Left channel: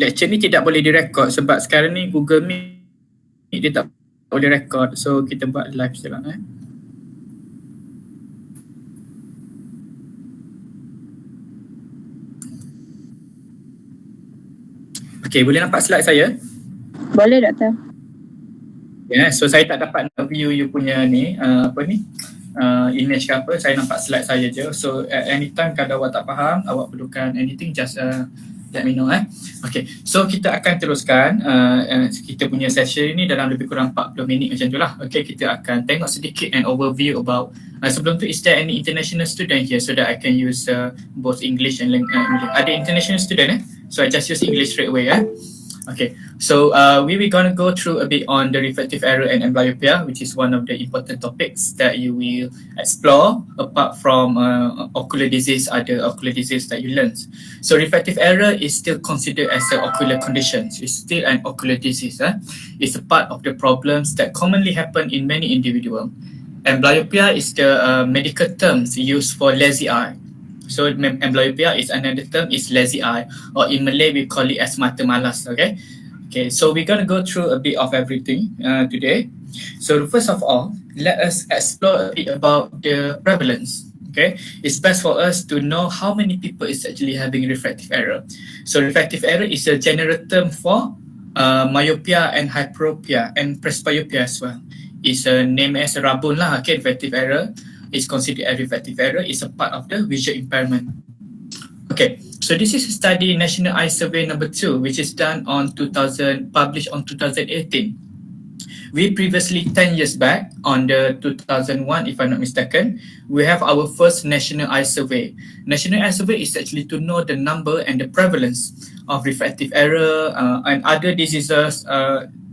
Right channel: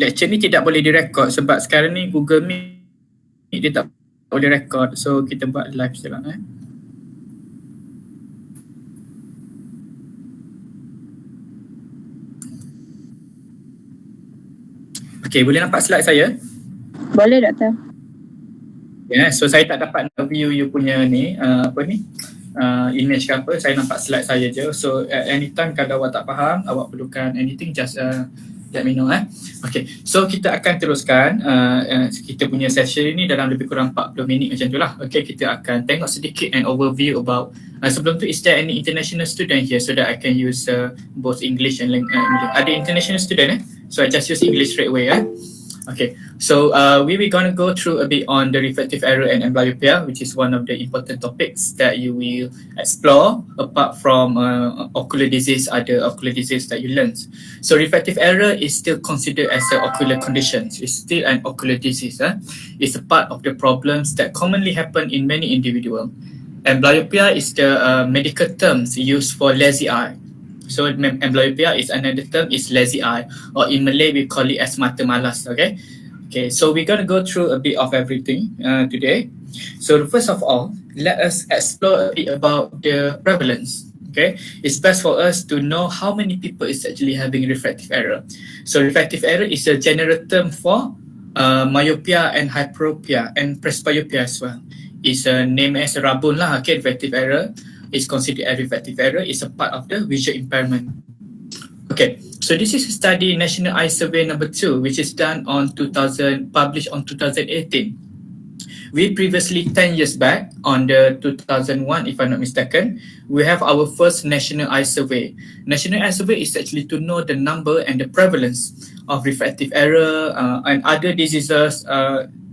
lecture ni tidak boleh direkod sebab sekarang ni Google Meet dia tak boleh rekod. So kita buat live je lah. Okay, boleh nampak slide saya? Boleh, Doktor. So saya tak dapat nak view you punya ni, image ke apa, saya nampak slide saya je. So anytime kalau awak tak faham, awak perlukan anything, just let me know. Okay, so kita akan teruskan kita punya session ni dalam lebih kurang 40 minit macam tu lah. Okay, kita akan tengok sedikit an overview about sebelum tu, is there any international student here so that I can use both English and ada international student so I just use English straight away. Okay, so we will going to go through a bit on the refractive error and amblyopia, which is one of the important topics that you will explore apart from ocular disease, other ocular disease that you learn. So refractive error is still considered as an ocular condition. It's still an ocular disease. It's a part of the problems that commonly happen in many individuals. Amblyopia is the medical terms used for lazy eye. So amblyopia is another term, is lazy eye, or in Malay we call it as mata malas. Okay, so we're going to go through a bit of everything today. So first of all, let us explore a bit about the prevalence. Okay, it's best for us to know how many people is actually having refractive error. So refractive error is a general term for myopia and hyperopia and presbyopia as well. It's a name as rabun lah. Okay, refractive error is considered a refractive error, is a part of the visual impairment. Okay, so this is a study, National Eye Survey number 2, which is done on published on 2018. We previously, 10 years back, on the 2001, if I'm not mistaken, we have our first National Eye Survey. National Eye Survey is actually to know the number and the prevalence of refractive error and other diseases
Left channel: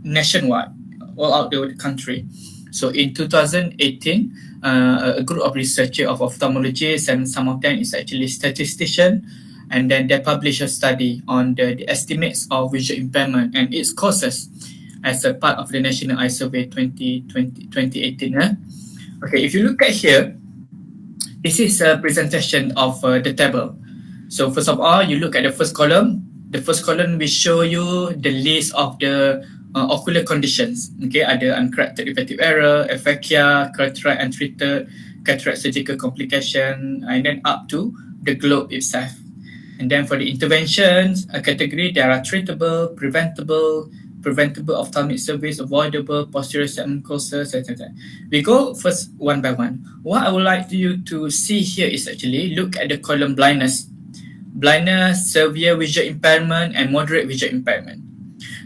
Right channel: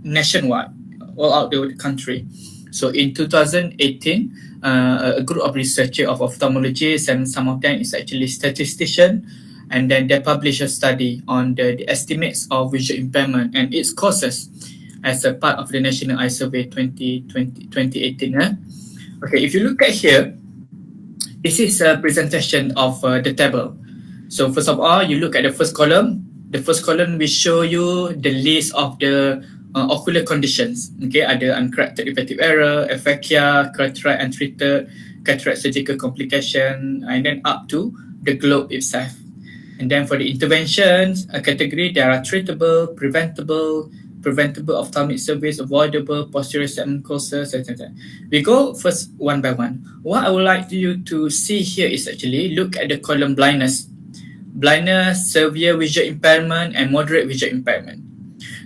nationwide, all out the country. So in 2018, a group of researchers of ophthalmologists, and some of them is actually statistician, and then they publish a study on the estimates of visual impairment and its causes as a part of the National Eye Survey 2018. Okay, if you look at here, this is a presentation of the table. So first of all, you look at the first column. The first column will show you the list of the ocular conditions. Okay, ada uncorrected refractive error, aphakia, cataract untreated, cataract surgical complication, and then up to the globe itself. And then for the interventions, a category, there are treatable, preventable ophthalmic surveys, avoidable, posterior segment causes, etc. We go first one by one. What I would like you to see here is actually look at the column blindness, severe visual impairment, and moderate visual impairment.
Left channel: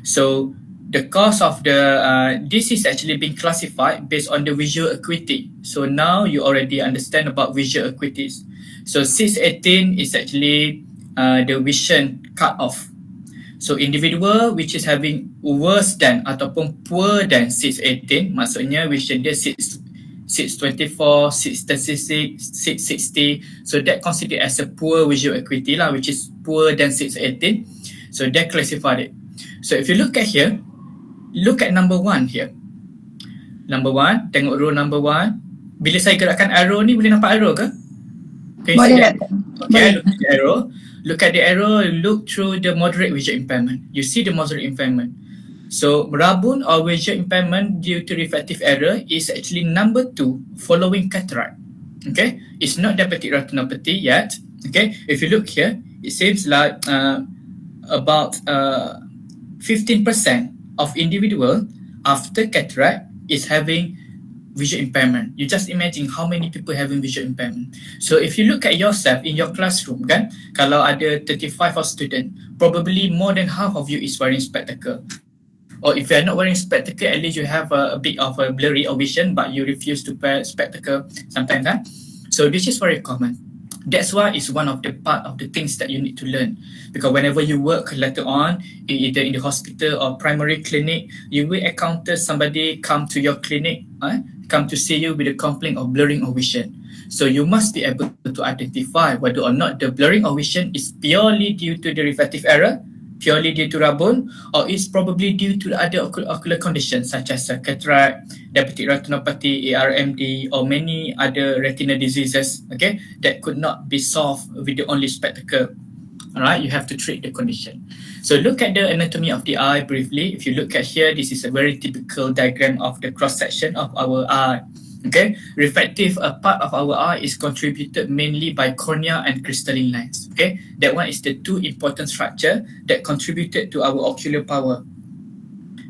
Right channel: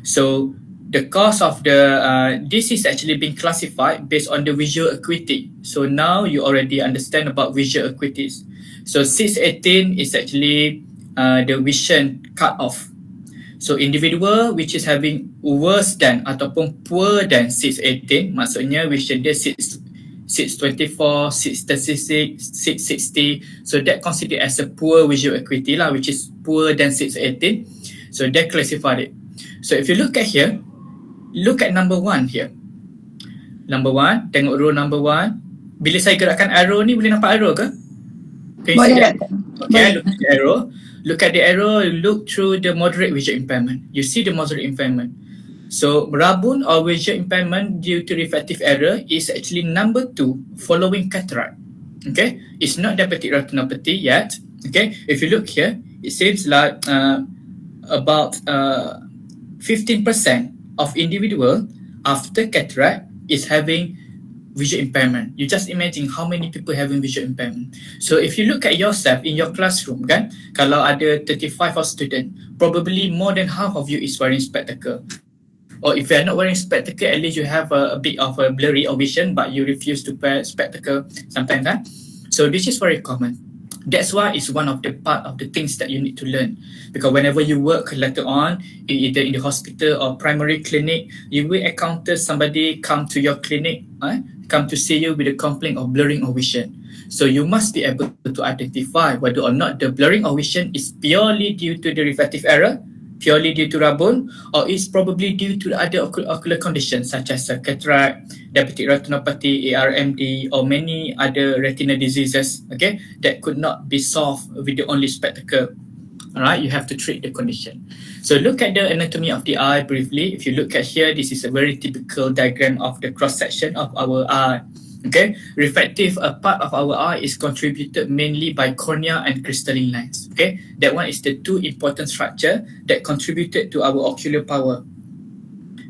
So the cause of this is actually being classified based on the visual acuity. So now you already understand about visual acuities. So 618 is actually the vision cut-off. So individual which is having worse than ataupun poor than 618, maksudnya vision dia 624, 636, 660. So that considered as a poor visual acuity lah, which is poor than 618. So they classified it. So if you look at here, look at number 1 here. Number 1, tengok row number 1. Bila saya gerakkan arrow ni, boleh nampak arrow ke? Boleh. Okay, look at the arrow. Look at the arrow, look through the moderate visual impairment. You see the moderate impairment. So rabun or visual impairment due to refractive error is actually number 2 following cataract. Okay, it's not diabetic retinopathy yet. Okay, if you look here, it seems like about 15% of individual after cataract is having visual impairment. You just imagine how many people having visual impairment. So if you look at yourself in your classroom, kan, kalau ada 35 of student, probably more than half of you is wearing spectacle. Or if you are not wearing spectacle, at least you have a bit of a blurry of vision, but you refuse to wear spectacle sometimes. So this is very common. That's why it's one of the part of the things that you need to learn. Because whenever you work later on, either in the hospital or primary clinic, you will encounter somebody come to your clinic, come to see you with a complaint of blurring of vision. So you must be able to identify whether or not the blurring of vision is purely due to the refractive error, purely due to rabun, or is probably due to the other ocular conditions such as cataract, diabetic retinopathy, ARMD, or many other retinal diseases, okay, that could not be solved with the only spectacle. All right, you have to treat the condition. So look at the anatomy of the eye briefly. If you look at here, this is a very typical diagram of the cross section of our eye. Okay, refractive part of our eye is contributed mainly by cornea and crystalline lens. Okay, that one is the two important structure that contributed to our ocular power.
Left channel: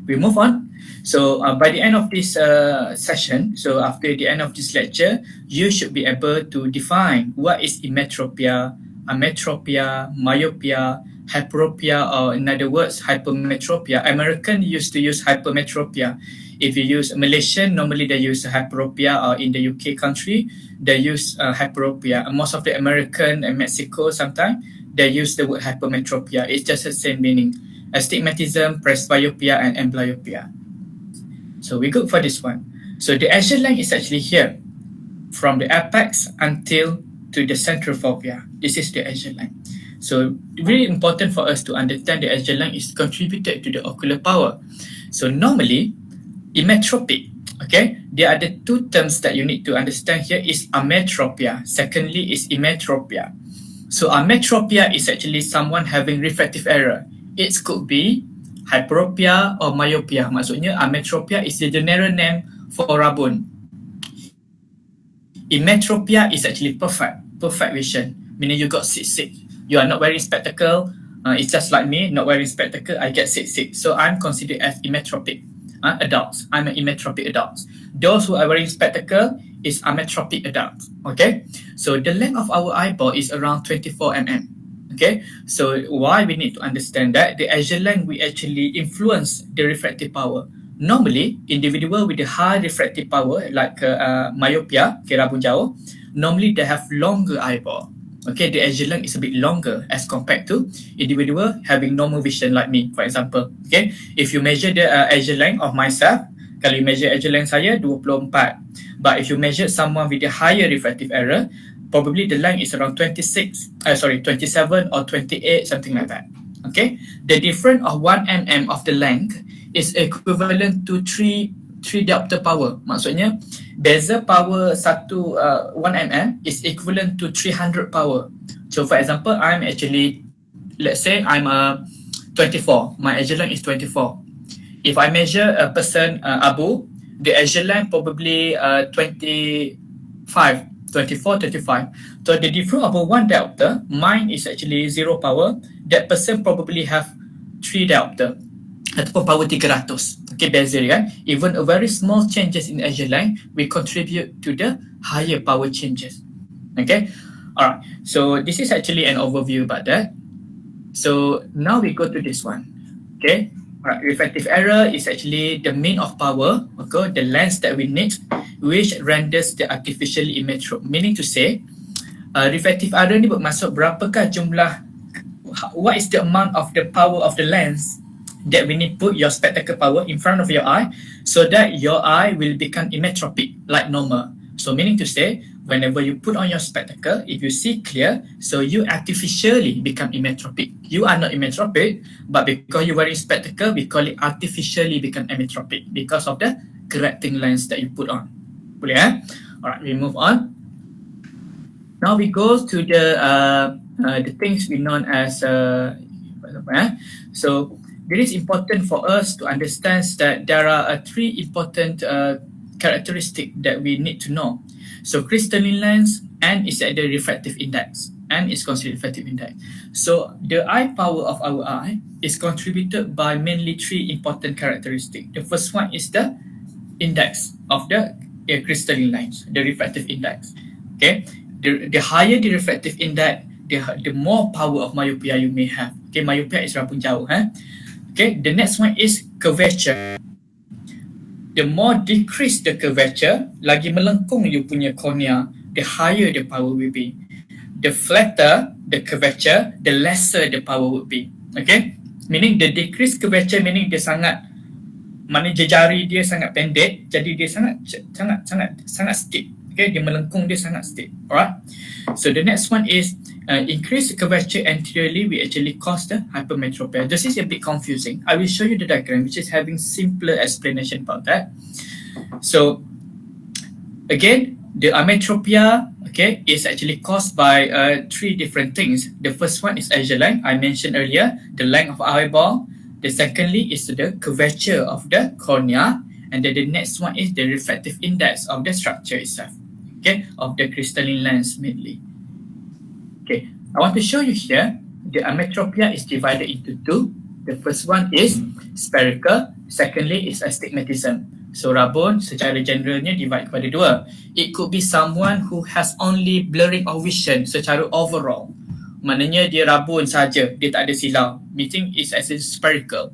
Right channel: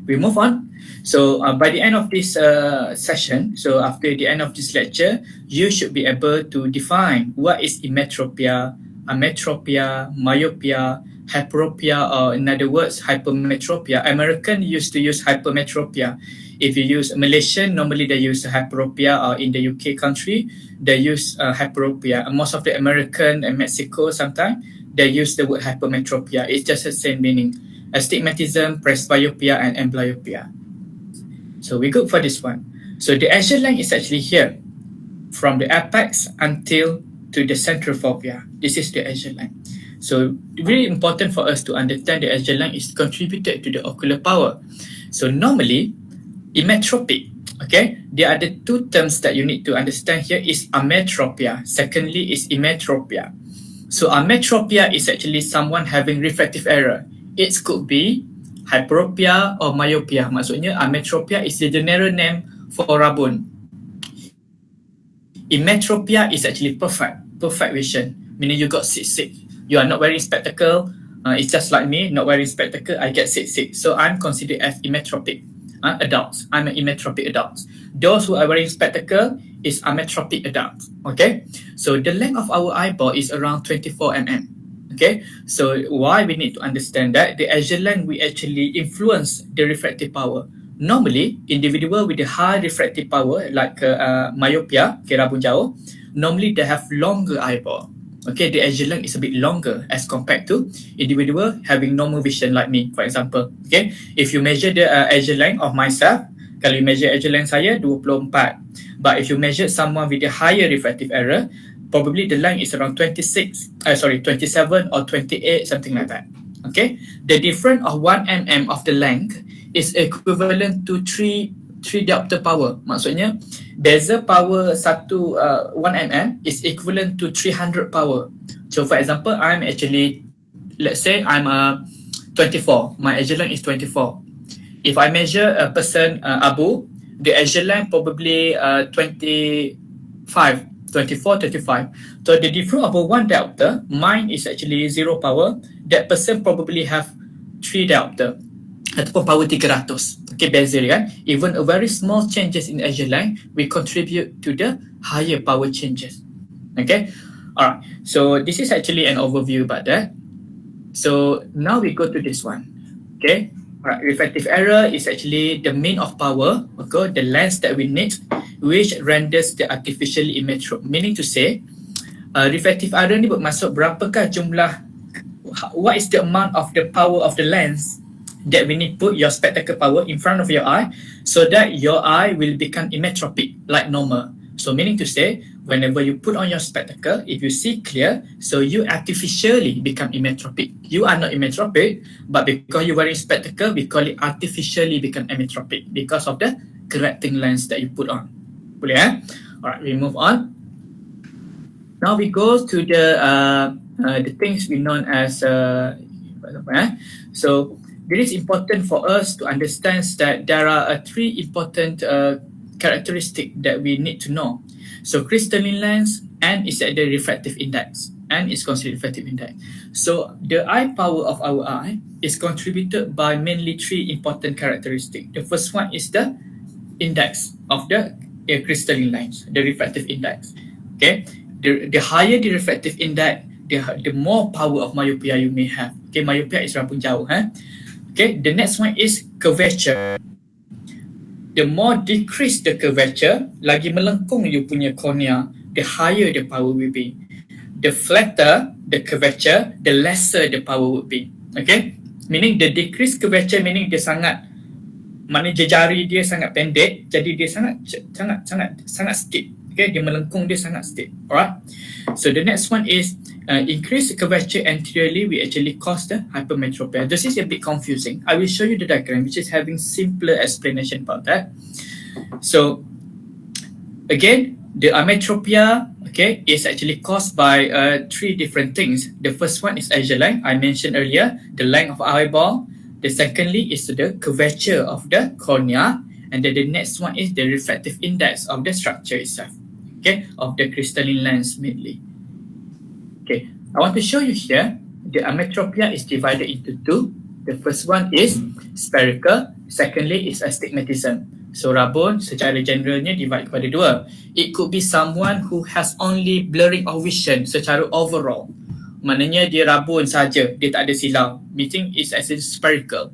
We move on. So by the end of this session, so after the end of this lecture, you should be able to define what is emmetropia, ametropia, myopia, hyperopia, or in other words, hypermetropia. American used to use hypermetropia. If you use Malaysian, normally they use hyperopia, or in the UK country, they use hyperopia. And most of the American and Mexico sometimes, they use the word hypermetropia. It's just the same meaning. Astigmatism, presbyopia, and amblyopia. So we go for this one. So the axial line is actually here, from the apex until to the central fovea. This is the axial line. So really important for us to understand the axial line is contributed to the ocular power. So normally, emmetropic, okay, there are the two terms that you need to understand here is ametropia. Secondly is emmetropia. So ametropia is actually someone having refractive error. It could be hyperopia or myopia. Maksudnya ametropia is the general name for rabun. Emmetropia is actually perfect vision, meaning you got sick. You are not wearing spectacle. It's just like me, not wearing spectacle. I get sick. So I'm considered as emmetropic adults. I'm an emmetropic adult. Those who are wearing spectacle is ametropic adults. Okay, so the length of our eyeball is around 24 mm. Okay, so why we need to understand that the axial line will actually influence the refractive power. Normally, individual with the high refractive power like myopia, rabun jauh, normally they have longer eyeball. Okay, the axial line is a bit longer as compared to individual having normal vision like me, for example. Okay, if you measure the axial line of myself, kalau you measure axial line saya 24. But if you measure someone with a higher refractive error, probably the line is around 27 or 28, something like that. Okay, the difference of 1 mm of the length is equivalent to 3 diopter power. Maksudnya, beza power 1 mm is equivalent to 300 power. So for example, I'm actually, let's say I'm 24. My axial line is 24. If I measure a person, Abu, the axial line probably 25. 24, 35. So the difference of 1 diopter, mine is actually 0 power. That person probably have 3 diopter ataupun power 300. Okay, beza kan? Even a very small changes in axial line will contribute to the higher power changes. Okay, alright. So this is actually an overview about that. So now we go to this one. Okay, alright. Refractive error is actually the mean of power, okay, the lens that we need, which renders the artificially emmetrope. Meaning to say, refractive error ni bermaksud berapakah jumlah, what is the amount of the power of the lens that we need put your spectacle power in front of your eye so that your eye will become emmetropic like normal. So meaning to say, whenever you put on your spectacle, if you see clear, so you artificially become emmetropic. You are not emmetropic, but because you're wearing spectacle, we call it artificially become emmetropic because of the correcting lens that you put on. Boleh Alright, we move on. Now we go to the things we known as so it is important for us to understand that there are 3 important characteristics that we need to know. So crystalline lens, and is at the refractive index, and is considered refractive index. So the eye power of our eye is contributed by mainly 3 important characteristics. The first one is the index of the crystalline lines, the refractive index. Okay, the higher the refractive index, the more power of myopia you may have. Okay, myopia is rabun jauh. Okay, the next one is curvature. The more decrease the curvature, lagi melengkung you punya cornea, the higher the power will be. The flatter the curvature, the lesser the power would be. Okay, meaning the decreased curvature meaning dia sangat, mana jari dia sangat pendek, jadi dia sangat steep. Okay, dia melengkung, dia sangat steep. Alright. So the next one is increase curvature anteriorly, we actually cause the hypermetropia. This is a bit confusing. I will show you the diagram, which is having simpler explanation about that. So again, The ametropia, okay, is actually caused by three different things. The first one is axial length, I mentioned earlier, the length of eyeball. The secondly is the curvature of the cornea, and then the next one is the refractive index of the structure itself, okay, of the crystalline lens mainly. Okay, I want to show you here, the ametropia is divided into two. The first one is spherical, secondly is astigmatism. So rabun secara generalnya divide kepada dua. It could be someone who has only blurring of vision secara overall. Maknanya dia rabun saja, dia tak ada silau. Meaning it's as in spherical.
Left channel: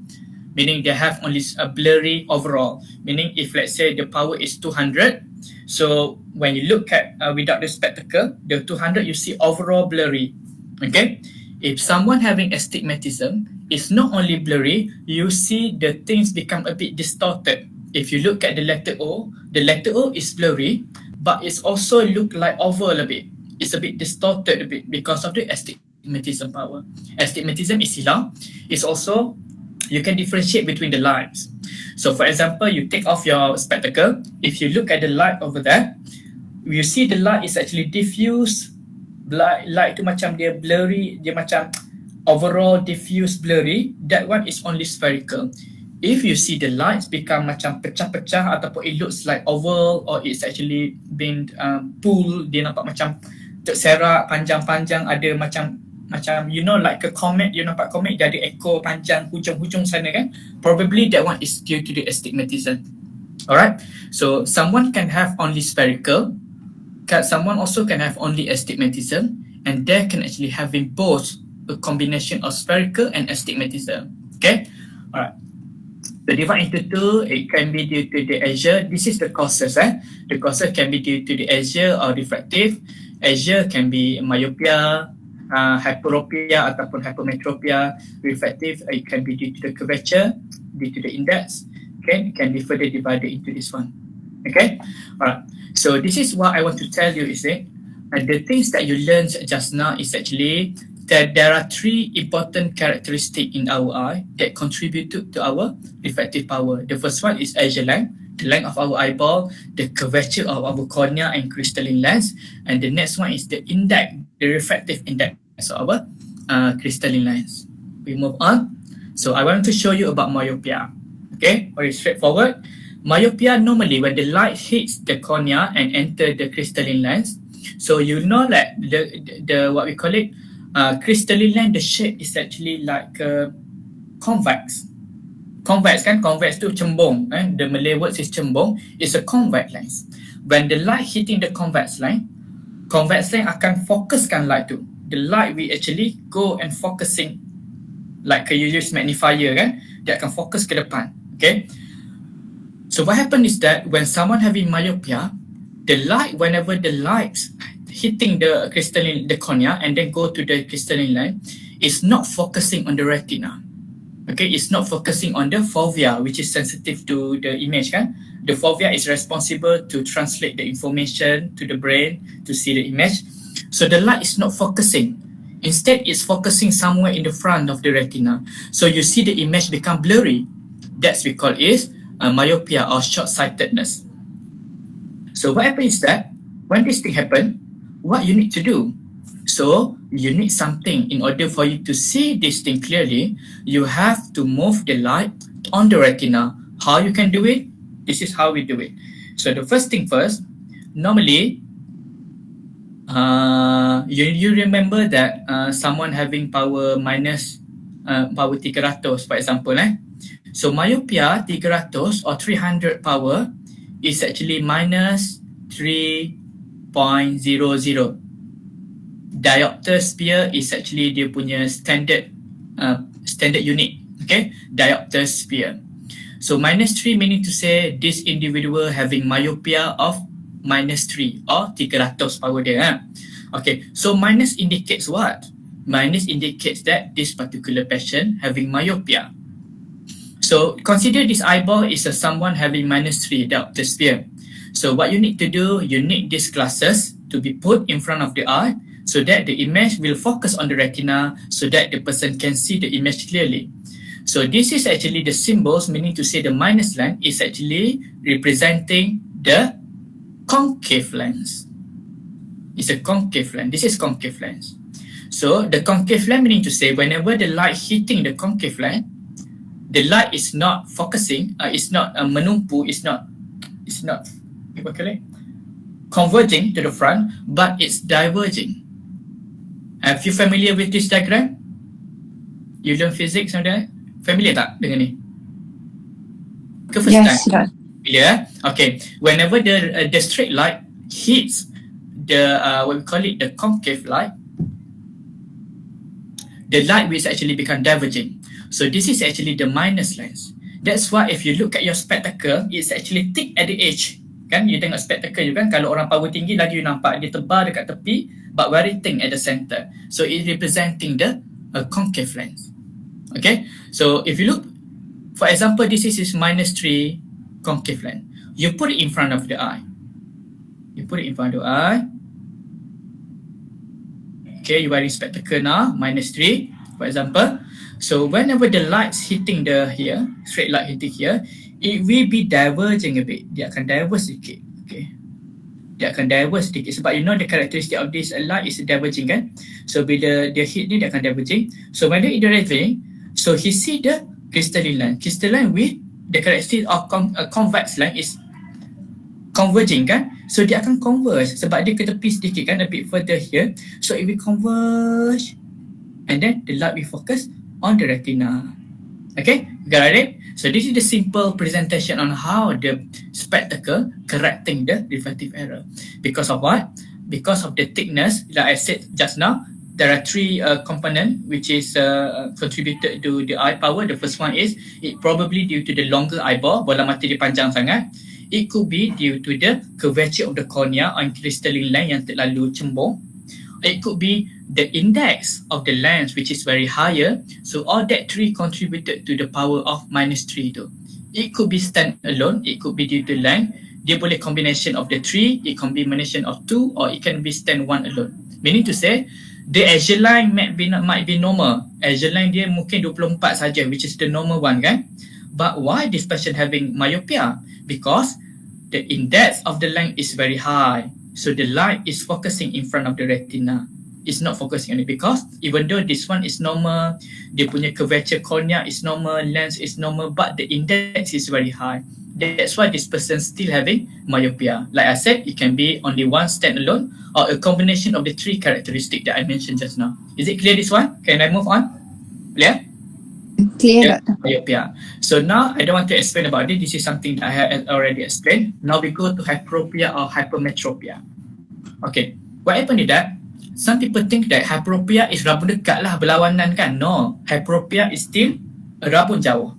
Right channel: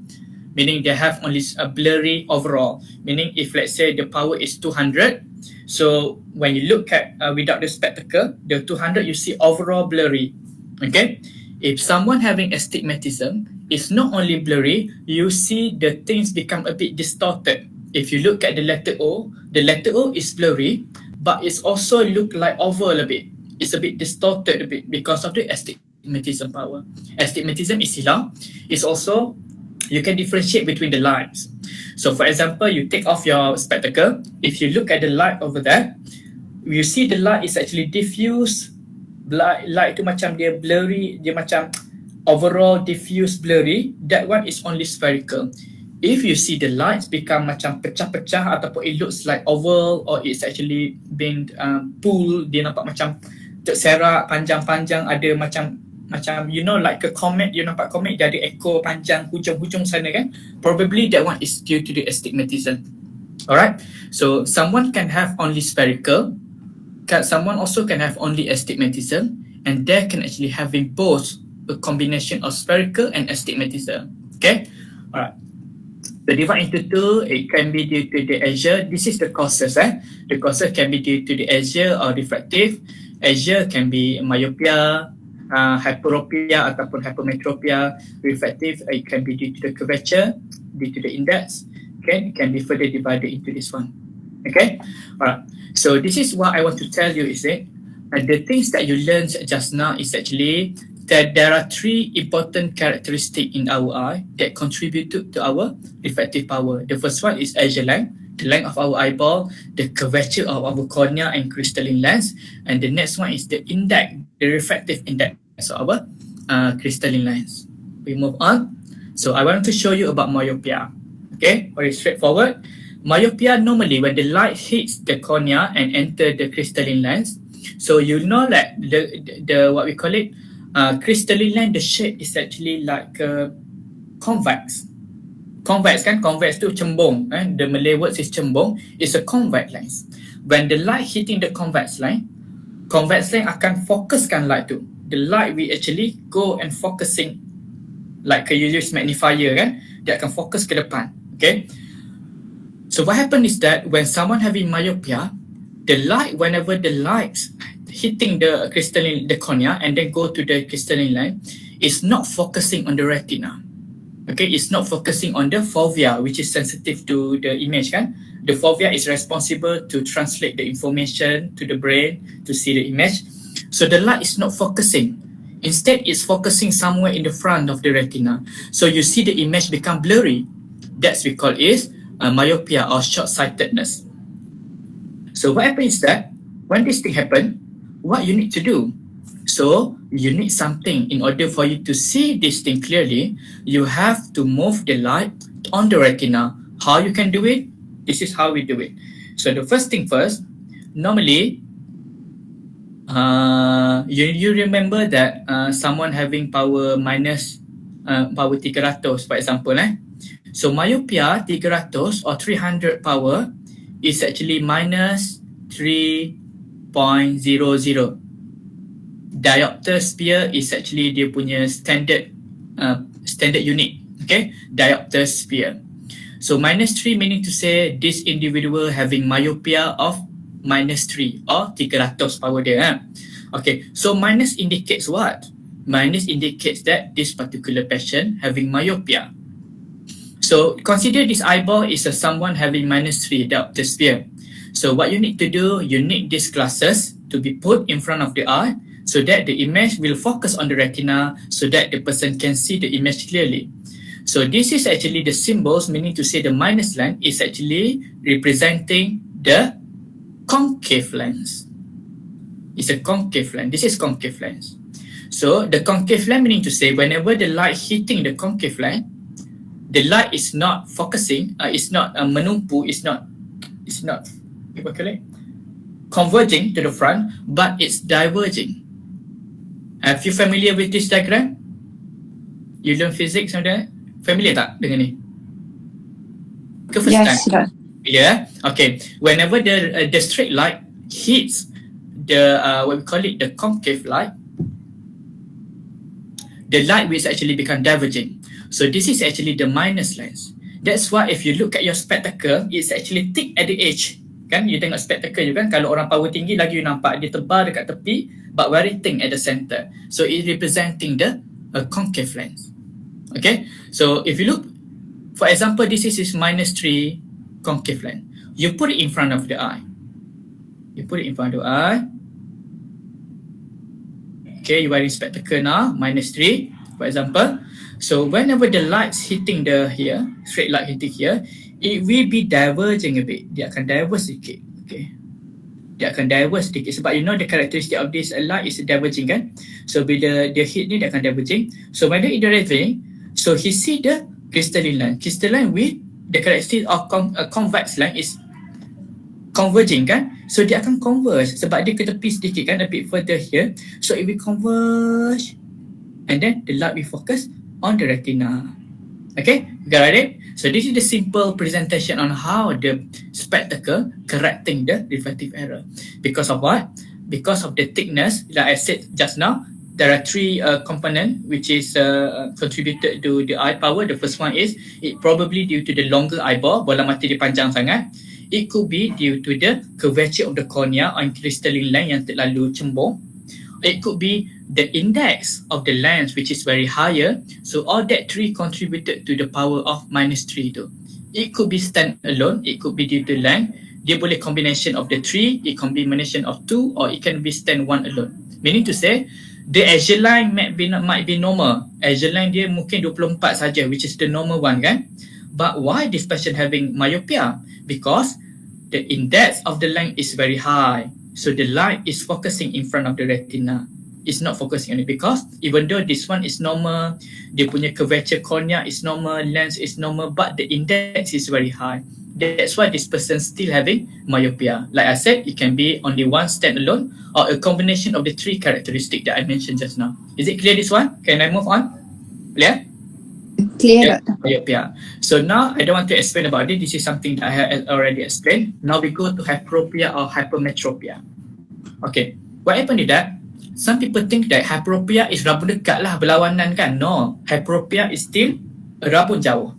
Meaning they have only a blurry overall. Meaning if let's say the power is 200, so when you look at without the spectacle, the 200 you see overall blurry. Okay? If someone having astigmatism, it's not only blurry, you see the things become a bit distorted. If you look at the letter O is blurry, but it's also look like oval a bit. It's a bit distorted a bit because of the astigmatism power. Astigmatism is silau. It's also, you can differentiate between the lights. So for example, you take off your spectacle. If you look at the light over there, you see the light is actually diffuse. Light tu macam dia blurry, dia macam overall diffuse blurry. That one is only spherical. If you see the lights become macam pecah-pecah ataupun it looks like oval or it's actually been pulled, dia nampak macam terserak panjang-panjang, ada macam you know like a comet, you nampak comet dia ada ekor panjang hujung-hujung sana kan, probably that one is due to the astigmatism. Alright, so someone can have only spherical, someone also can have only astigmatism, and they can actually having both a combination of spherical and astigmatism. Okay, alright. The divide into two, it can be due to the axial. This is the causes. The causes can be due to the axial or refractive. Axial can be myopia, hyperopia ataupun hypermetropia. Refractive, it can be due to the curvature, due to the index. Okay, it can be further divided into this one. Okay, alright. So this is what I want to tell you is it, the things that you learned just now is actually that there are three important characteristics in our eye that contribute to our refractive power. The first one is axial length, the length of our eyeball, the curvature of our cornea and crystalline lens, and the next one is the index, the refractive index of our crystalline lens. We move on. So I want to show you about myopia. Okay, very straightforward. Myopia normally when the light hits the cornea and enter the crystalline lens, so you know that the what we call it, crystalline lens, the shape is actually like convex. Convex kan, convex tu cembung. The Malay word is cembung. It's a convex lens. When the light hitting the convex line akan fokuskan light tu. The light will actually go and focusing, like you use magnifier kan, dia akan fokus ke depan. Okay. So what happens is that when someone having myopia, the light, whenever the lights hitting the crystalline, the cornea and then go to the crystalline line, is not focusing on the retina. Okay, it's not focusing on the fovea, which is sensitive to the image kan. The fovea is responsible to translate the information to the brain to see the image. So the light is not focusing. Instead, it's focusing somewhere in the front of the retina. So you see the image become blurry. That's we call is myopia or short-sightedness. So what happens is that when this thing happens, what you need to do? So you need something in order for you to see this thing clearly. You have to move the light on the retina. How you can do it? This is how we do it. So the first thing first, normally, you remember that someone having power minus power 300 for example. So myopia 300 or 300 power is actually minus 3.00. Diopter sphere is actually dia punya standard unit. Okay, diopter sphere. So minus 3 meaning to say this individual having myopia of minus 3 or 300 power dia. Okay, so minus indicates what? Minus indicates that this particular patient having myopia. So consider this eyeball is someone having minus 3 diopter sphere. So what you need to do, you need these glasses to be put in front of the eye so that the image will focus on the retina so that the person can see the image clearly. So this is actually the symbols, meaning to say the minus line is actually representing the concave lens. It's a concave lens. This is concave lens. So the concave lens meaning to say whenever the light hitting the concave lens, the light is not focusing, it's not menumpu, it's not what call it? Converging to the front, but it's diverging. Have you familiar with this diagram? You learn physics somewhere? Familiar tak dengan ni? Ke first time? Yes, sir. Yeah. Okay. Whenever the straight light hits the what we call it the concave light, the light will actually become diverging. So this is actually the minus lens. That's why if you look at your spectacle, it's actually thick at the edge. Kan? You tengok spectacle you kan, kalau orang power tinggi lagi you nampak dia tebal dekat tepi but very thin at the center. So it representing the concave lens. Okay? So if you look, for example, this is -3 concave lens. You put it in front of the eye. You put it in front of the eye. Okay, you wearing spectacle now, -3, for example. So whenever the light's hitting the here, straight light hitting here, it will be diverging a bit. Dia akan diverge sedikit. Okay. Dia akan diverge sedikit sebab you know the characteristic of this light is diverging kan. So bila dia hit ni dia akan diverging. So when dia diverging, so he see the crystalline line. Crystalline with the characteristic of convex line is converging kan. So dia akan converge sebab dia ke tepi sedikit kan, a bit further here. So it will converge and then the light will focus on the retina. Okay, got it? So this is the simple presentation on how the spectacle correcting the refractive error. Because of what? Because of the thickness, like I said just now, there are three components which is contributed to the eye power. The first one is it probably due to the longer eyeball, bola mata dia panjang sangat. It could be due to the curvature of the cornea on crystalline line yang terlalu cembung. It could be the index of the lens which is very higher. So all that three contributed to the power of -3 tu. It could be stand alone, it could be due to length. Dia boleh combination of the three, it combination of two, or it can be stand one alone. Meaning to say, the axial line might be normal. Axial line dia mungkin 24 saja, which is the normal one kan. But why this person having myopia? Because the index of the length is very high. So the light is focusing in front of the retina. It's not focusing on it because even though this one is normal, dia punya curvature cornea is normal, lens is normal, but the index is very high. That's why this person still having myopia. Like I said, it can be only one standalone or a combination of the three characteristics that I mentioned just now. Is it clear this one? Can I move on? Clear? Clear, Doctor. Myopia. So now I don't want to explain about it. This is something that I have already explained. Now we go to hyperopia or hypermetropia. Okay, what happened is that some people think that hyperopia is rabun dekat lah, berlawanan kan. No, hyperopia is still rabun jauh.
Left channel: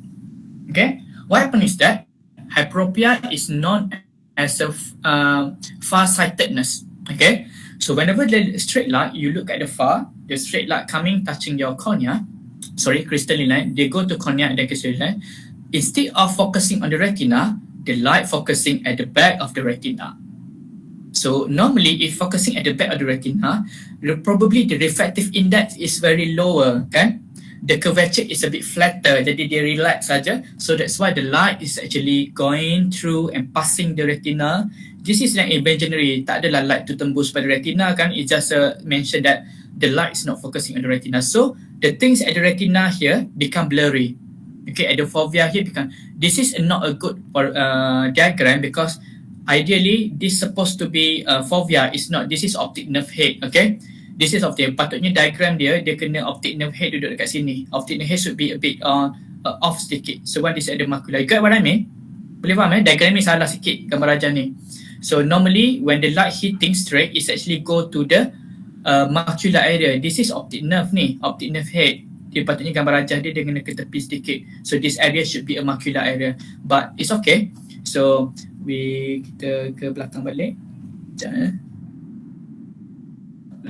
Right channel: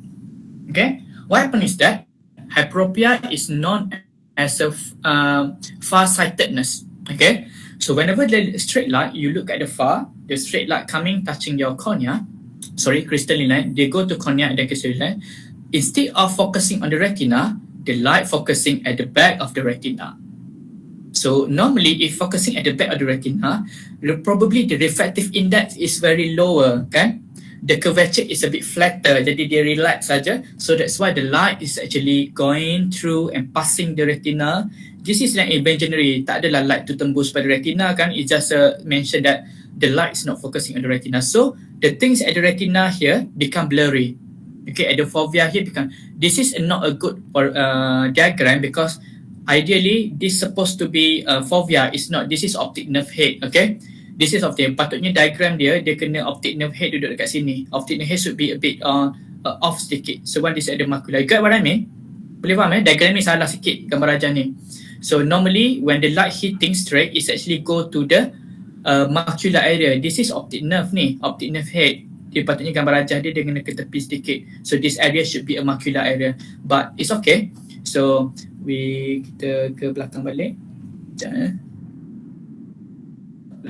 Okay, what happened is that hyperopia is known as a far-sightedness. Okay, so whenever the straight light, you look at the far, the straight light coming touching your cornea, crystalline line, they go to cornea and then crystalline line. Instead of focusing on the retina, the light focusing at the back of the retina. So normally if focusing at the back of the retina, probably the refractive index is very lower kan. The curvature is a bit flatter, jadi dia relax saja. So that's why the light is actually going through and passing the retina. This is like imaginary, tak adalah light tu tembus pada retina kan. It just mention that the light is not focusing on the retina. So the things at the retina here become blurry. Okay, at the fovea here become. This is not a good diagram because ideally this supposed to be fovea, is not. This is optic nerve head. Okay, this is optic. Patutnya diagram dia kena optic nerve head duduk dekat sini. Optic nerve head should be a bit off sedikit. So one is at the macula. You get what I mean? Boleh faham diagram ni salah sikit gambar rajah ni. So normally when the light hitting straight, it's actually go to the macular area. This is optic nerve ni, optic nerve head. Dia patutnya gambar rajah dia kena ke tepi sedikit. So this area should be a macular area. But it's okay. So kita ke belakang balik.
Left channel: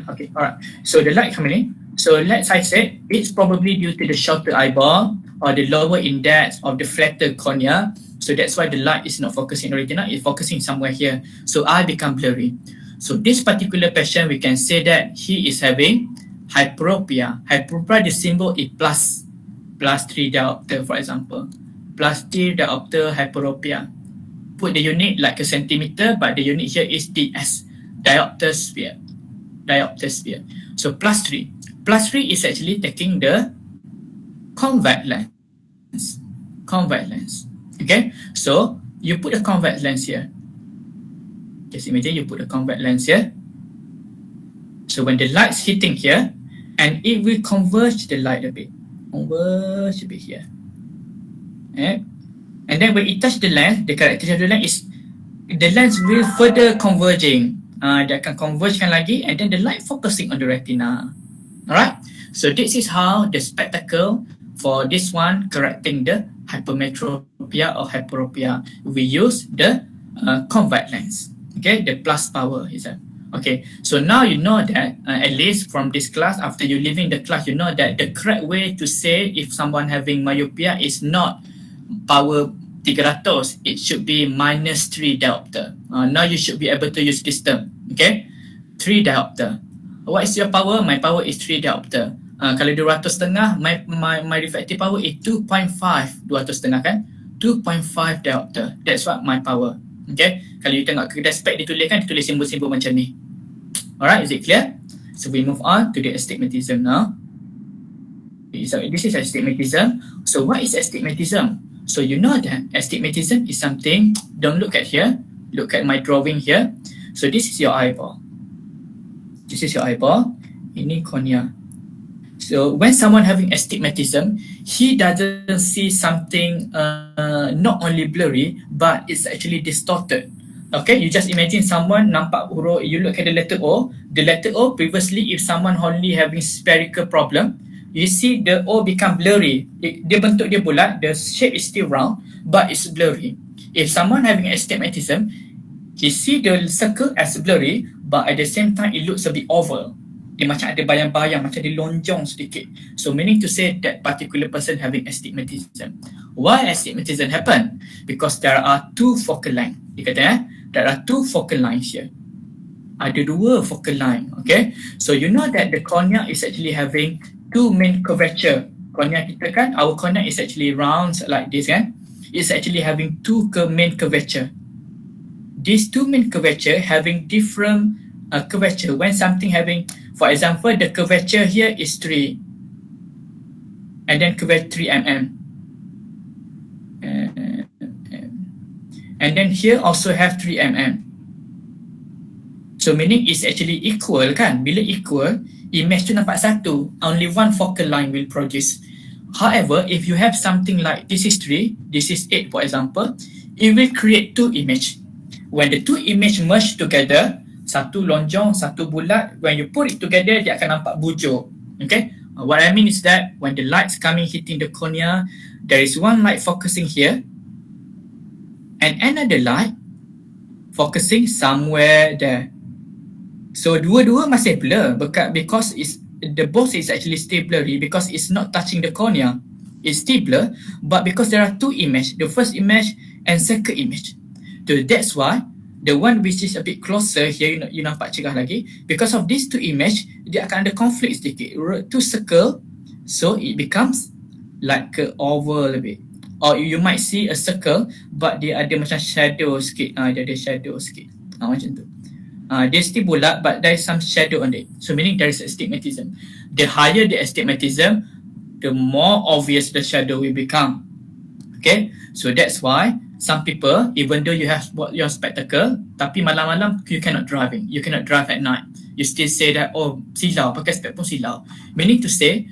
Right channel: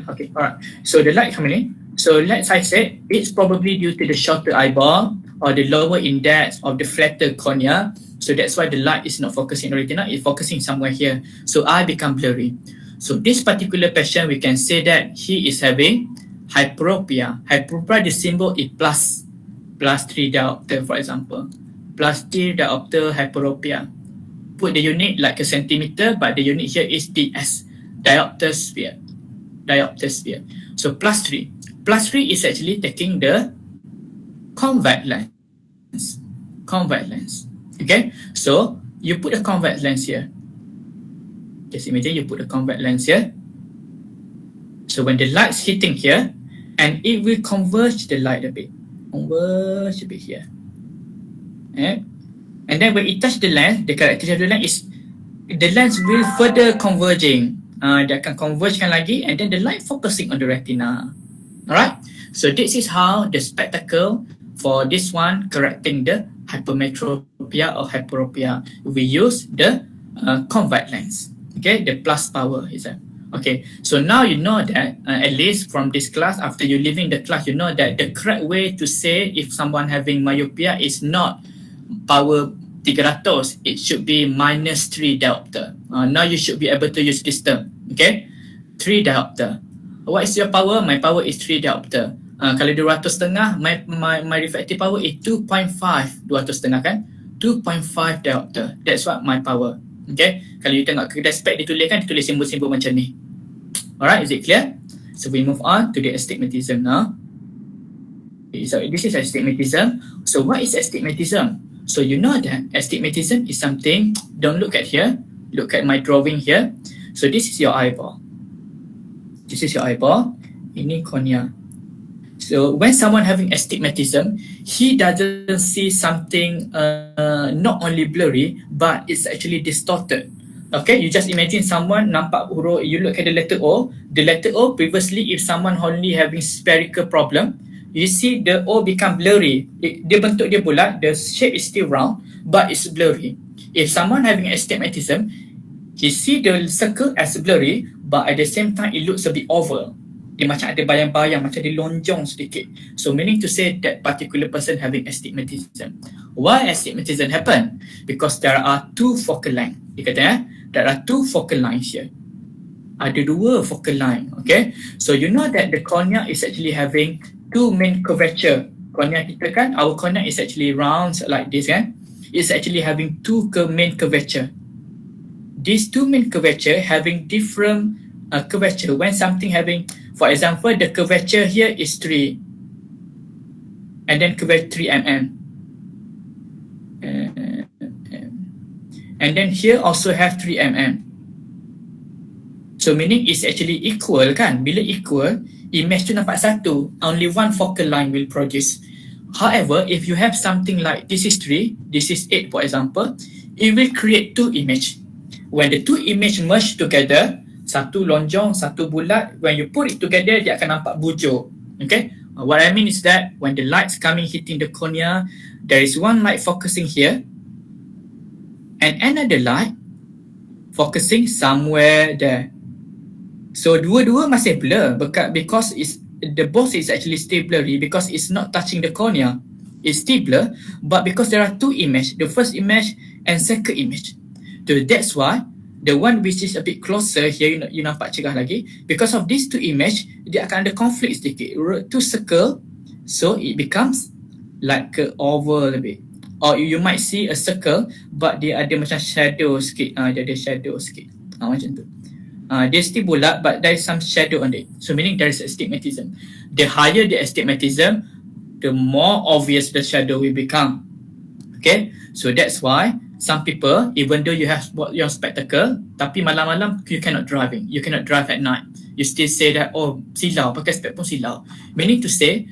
Okay, alright. So the light coming in. So like I said, it's probably due to the shorter eyeball or the lower index of the flatter cornea. So that's why the light is not focusing on the retina, it's focusing somewhere here. So eye become blurry. So this particular patient, we can say that he is having hyperopia. Hyperopia, the symbol is plus 3 diopter, for example. Plus 3 diopter hyperopia. put the unit like a centimeter, but the unit here is ds, diopter sphere. Diopter sphere. So plus 3. Plus 3 is actually taking the convex lens. Convex lens. Okay, so you put a convex lens here. Just imagine you put a convex lens here. So when the light's hitting here, and it will converge the light a bit. Converge a bit here. Okay. And then when it touch the lens, the characteristic of the lens is the lens will further converging. Dia akan convergekan lagi, and then the light focusing on the retina. Alright, so this is how the spectacle for this one correcting the hypermetropia or hyperopia. We use the convex lens. Okay, the plus power is that. Okay, so now you know that at least from this class, after you leaving the class, you know that the correct way to say if someone having myopia is not power 300, it should be minus 3 diopter. Now you should be able to use this term. Okay, 3 diopter. What is your power? My power is 3 diopter. Kalau 200.5, my refractive power is 2.5. 200.5 kan? 2.5 diopter. That's what my power. Okay, kalau you tengok kedai spek dia tulis simbol-simbol macam ni. Alright, is it clear? So we move on to the astigmatism now. Okay, so this is astigmatism. So what is astigmatism? So you know that astigmatism is something, don't look at here, look at my drawing here. So this is your eyeball. This is your eyeball. Ini cornea. So when someone having astigmatism, he doesn't see something not only blurry, but it's actually distorted. Okay, you just imagine someone nampak huruf, you look at the letter O. The letter O previously, if someone only having spherical problem, you see the O become blurry. Dia bentuk dia bulat, the shape is still round, but it's blurry. If someone having astigmatism, he see the circle as blurry, but at the same time it looks a bit oval. Dia macam ada bayang-bayang, macam dia lonjong sedikit. So meaning to say that particular person having astigmatism. Why astigmatism happen? Because there are 2 focal line. Dia kata there are 2 focal lines here. Ada 2 focal line. Okay, so you know that the cornea is actually having 2 main curvature. Cornea kita kan, our cornea is actually round like this kan. It's actually having 2 main curvature. These 2 main curvature having different curvature. When something having, for example, the curvature here is 3, and then curvature 3 mm, and then here also have 3 mm. So meaning it's actually equal kan? Bila equal, image tu nampak satu, only 1 focal line will produce. However, if you have something like this is 3, this is 8 for example, it will create 2 image. When the 2 image merge together, satu lonjong, satu bulat, when you put it together, dia akan nampak bujuk. Okay, what I mean is that when the light's coming hitting the cornea, there is one light focusing here, and another light focusing somewhere there. So dua-dua masih blur because it's, the both is actually still blurry because it's not touching the cornea. It's still blur, but because there are 2 images, the first image and second image. So that's why the one which is a bit closer here, you nampak cerah lagi, because of these 2 image, dia akan ada conflict sedikit. 2 circle, so it becomes like a oval a bit. Or you might see a circle, but dia ada macam shadow sikit. Dia ada shadow sikit. Macam tu. Dia still bulat, but there is some shadow on it. So meaning there is astigmatism. The higher the astigmatism, the more obvious the shadow will become. Okay, so that's why some people, even though you have your spectacle, tapi malam-malam you cannot driving. You cannot drive at night. You still say that, oh, silau, pakai spek pun silau. Meaning to say,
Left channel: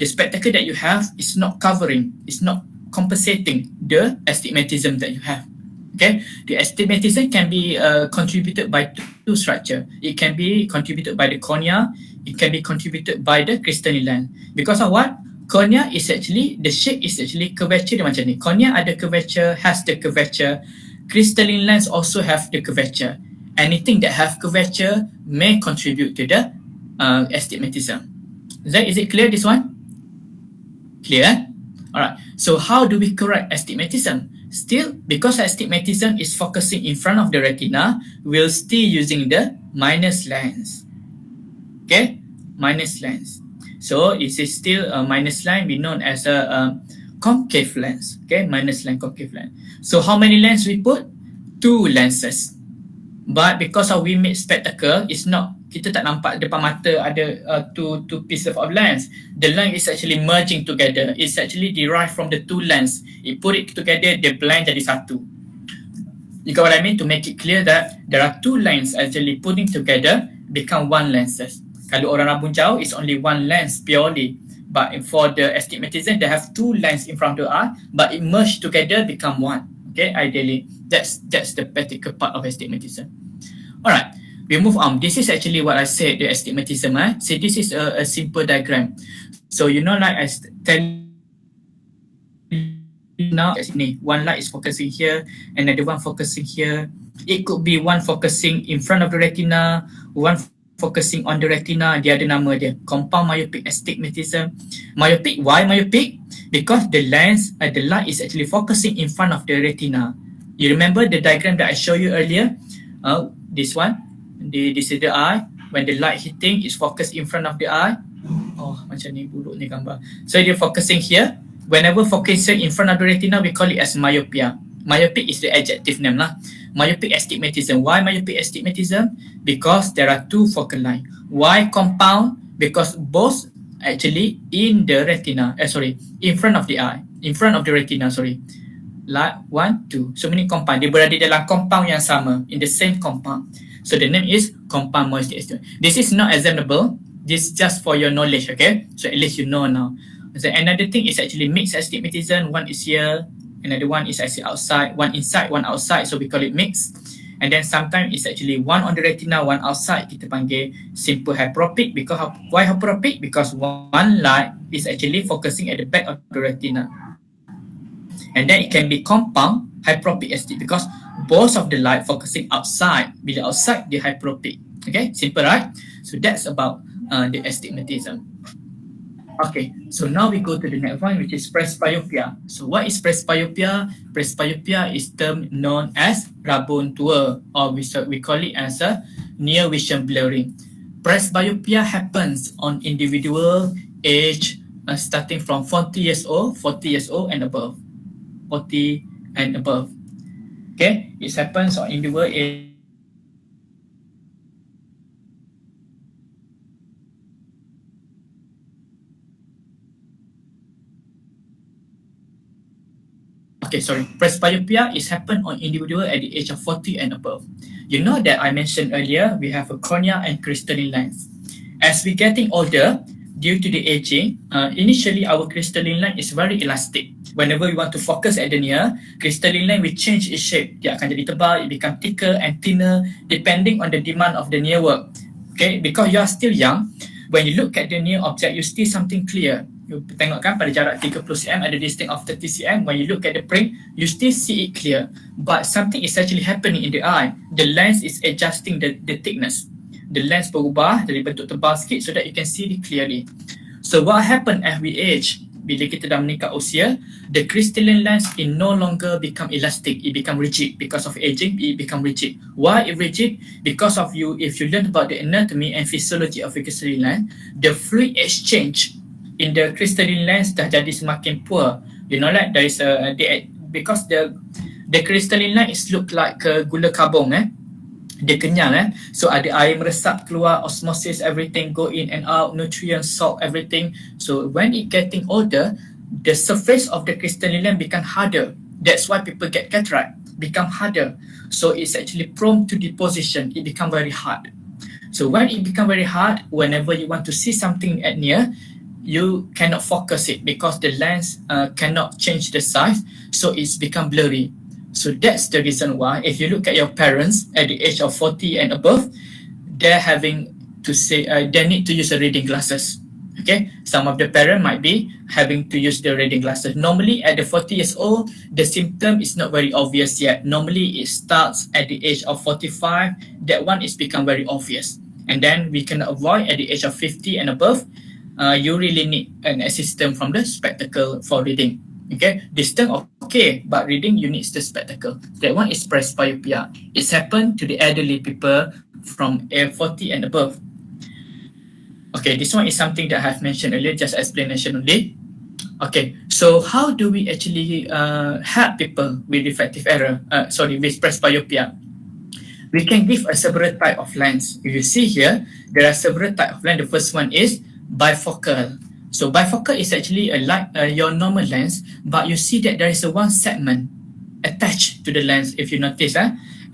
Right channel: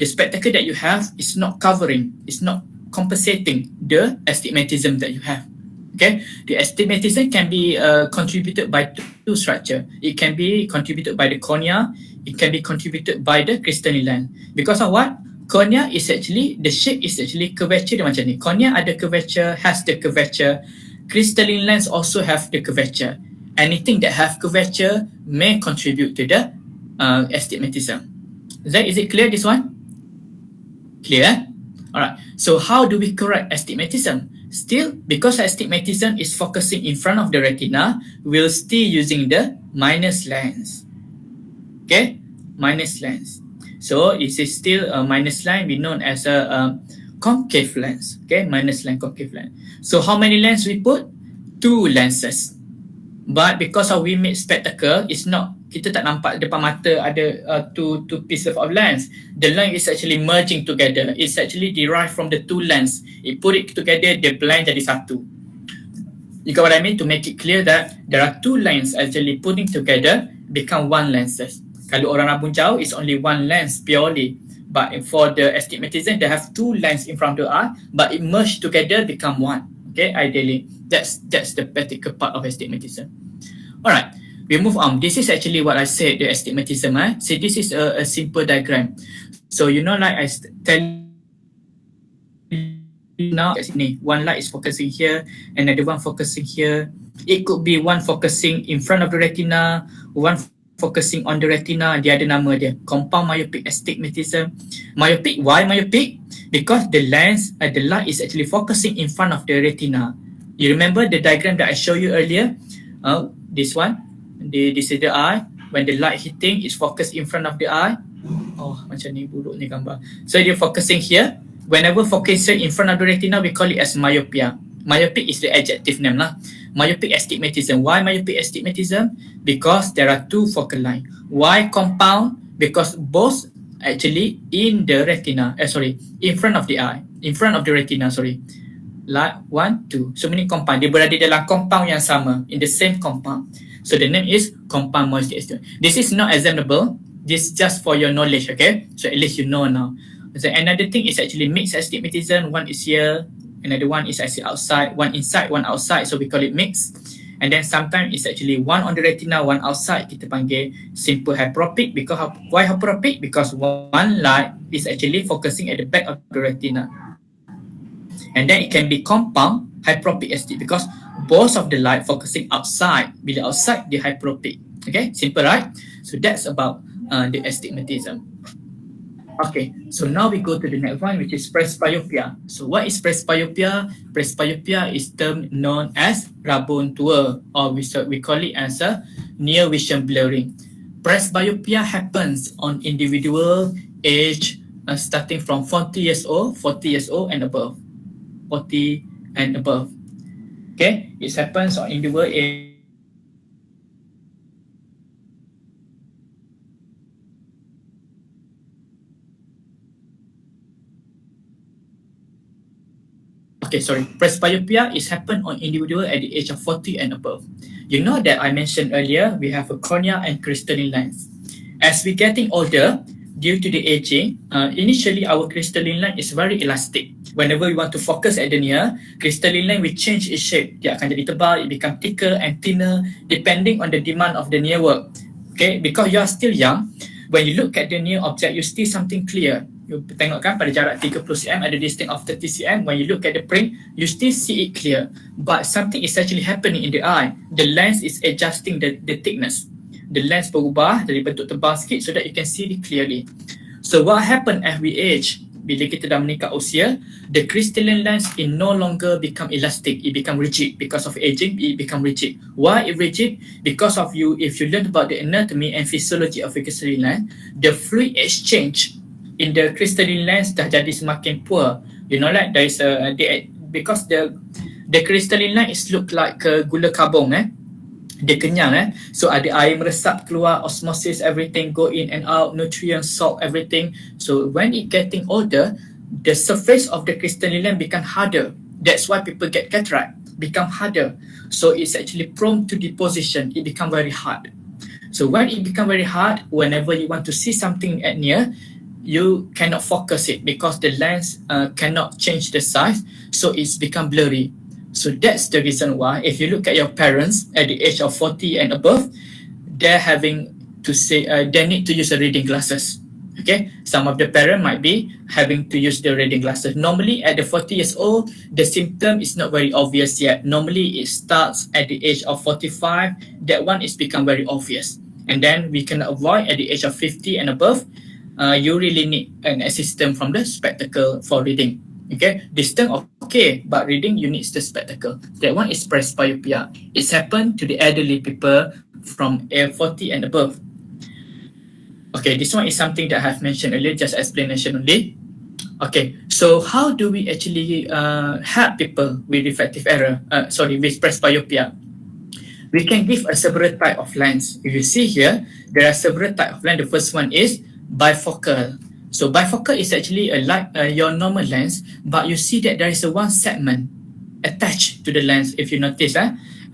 the spectacle that you have is not covering, it's not compensating the astigmatism that you have. Okay, the astigmatism can be contributed by 2 structure. It can be contributed by the cornea. It can be contributed by the crystalline lens. Because of what? Cornea is actually, the shape is actually curvature dia macam ni. Cornea ada curvature, has the curvature. Crystalline lens also have the curvature. Anything that have curvature may contribute to the astigmatism. Is it clear this one? Clear? Alright. So how do we correct astigmatism? Still, because astigmatism is focusing in front of the retina, we'll still using the minus lens. Okay? Minus lens. So it is still a minus line, we known as a concave lens. Okay, minus line, concave lens. So how many lens we put? two lenses. But because of we make spectacle, it's not, kita tak nampak depan mata ada two pieces of lens. The lens is actually merging together. It's actually derived from the two lens. It put it together, the blend jadi satu. You got what I mean? To make it clear that there are two lens actually putting together become one lenses. Kalau orang rambut jauh, it's only one lens purely. But for the astigmatism, they have two lens in front of the eye, but it merged together become one. Okay, ideally, that's the practical part of astigmatism. All right, we move on. This is actually what I said, the astigmatism. So this is a simple diagram. So you know, like I tell now, one light is focusing here, another one focusing here. It could be one focusing in front of the retina, one focusing on the retina, dia ada nama dia, compound myopic astigmatism. Myopic, why myopic? Because the lens, the light is actually focusing in front of the retina. You remember the diagram that I showed you earlier? This one, this is the eye. When the light hitting, it's focused in front of the eye. Oh, macam ni buruk ni gambar. So they're focusing here. Whenever focusing in front of the retina, we call it as myopia. Myopic is the adjective name lah. Myopic astigmatism. Why myopic astigmatism? Because there are two focal lines. Why compound? Because both actually in the retina. In front of the eye. In front of the retina, Like 1, 2. So many compound. Dia berada dalam compound yang sama. In the same compound. So the name is compound myopic astigmatism. This is not examinable. This is just for your knowledge, okay? So at least you know now. So another thing is actually mixed astigmatism. One is here, another one is actually outside, one inside, one outside. So we call it mixed. And then sometimes it's actually one on the retina, one outside. Kita panggil simple hyperopic. Because why hyperopic? Because one light is actually focusing at the back of the retina. And then it can be compound hyperopic astig because both of the light focusing outside. Bila outside, the hyperopic. Okay, simple, right? So that's about the astigmatism. Okay, so now we go to the next one, which is presbyopia. So what is presbyopia? Presbyopia is term known as rabun tua, or we call it as a near vision blurring. Presbyopia happens on individual age starting from 40 years old and above. 40 and above. Okay, it happens on individual age. Presbyopia is happen on individual at the age of 40 and above. You know that I mentioned earlier, we have a cornea and crystalline lens. As we getting older, due to the aging, initially our crystalline lens is very elastic. Whenever we want to focus at the near, crystalline lens will change its shape. Dia akan jadi tebal, it become thicker and thinner depending on the demand of the near work. Okay, because you are still young, when you look at the near object, you see something clear. You tengok kan pada jarak 30 cm ada distance of 30 cm. When you look at the print, you still see it clear. But something is actually happening in the eye. The lens is adjusting the thickness. The lens berubah dari bentuk tebal sikit so that you can see it clearly. So what happen as we age? Bila kita dah meningkat usia, the crystalline lens it no longer become elastic. It become rigid. Because of aging, it become rigid. Why it rigid? Because of if you learn about the anatomy and physiology of a crystalline lens, the fluid exchange in the crystalline lens dah jadi semakin poor. You know, like there is because the crystalline lens is look like gula kabung. Dia kenyal. So ada air meresap keluar, osmosis, everything go in and out, nutrients, salt, everything. So when it getting older, the surface of the crystalline lens become harder. That's why people get cataract, become harder. So it's actually prone to deposition. It become very hard. So when it become very hard, whenever you want to see something at near, you cannot focus it because the lens cannot change the size, so it's become blurry. So that's the reason why if you look at your parents at the age of 40 and above, they're having to say they need to use the reading glasses. Okay, some of the parents might be having to use the reading glasses. Normally at the 40 years old, the symptom is not very obvious yet. Normally it starts at the age of 45. That one is become very obvious. And then we can avoid at the age of 50 and above. You really need an assistant from the spectacle for reading. Okay, distance okay, but reading you need the spectacle. That one is presbyopia. It's happened to the elderly people from 40 and above. Okay, this one is something that I have mentioned earlier, just explanation only. Okay, so how do we actually help people with refractive error? With presbyopia? We can give a several type of lens. If you see here, there are several type of lens. The first one is bifocal. So bifocal is actually like your normal lens, but you see that there is a one segment attached to the lens. If you notice,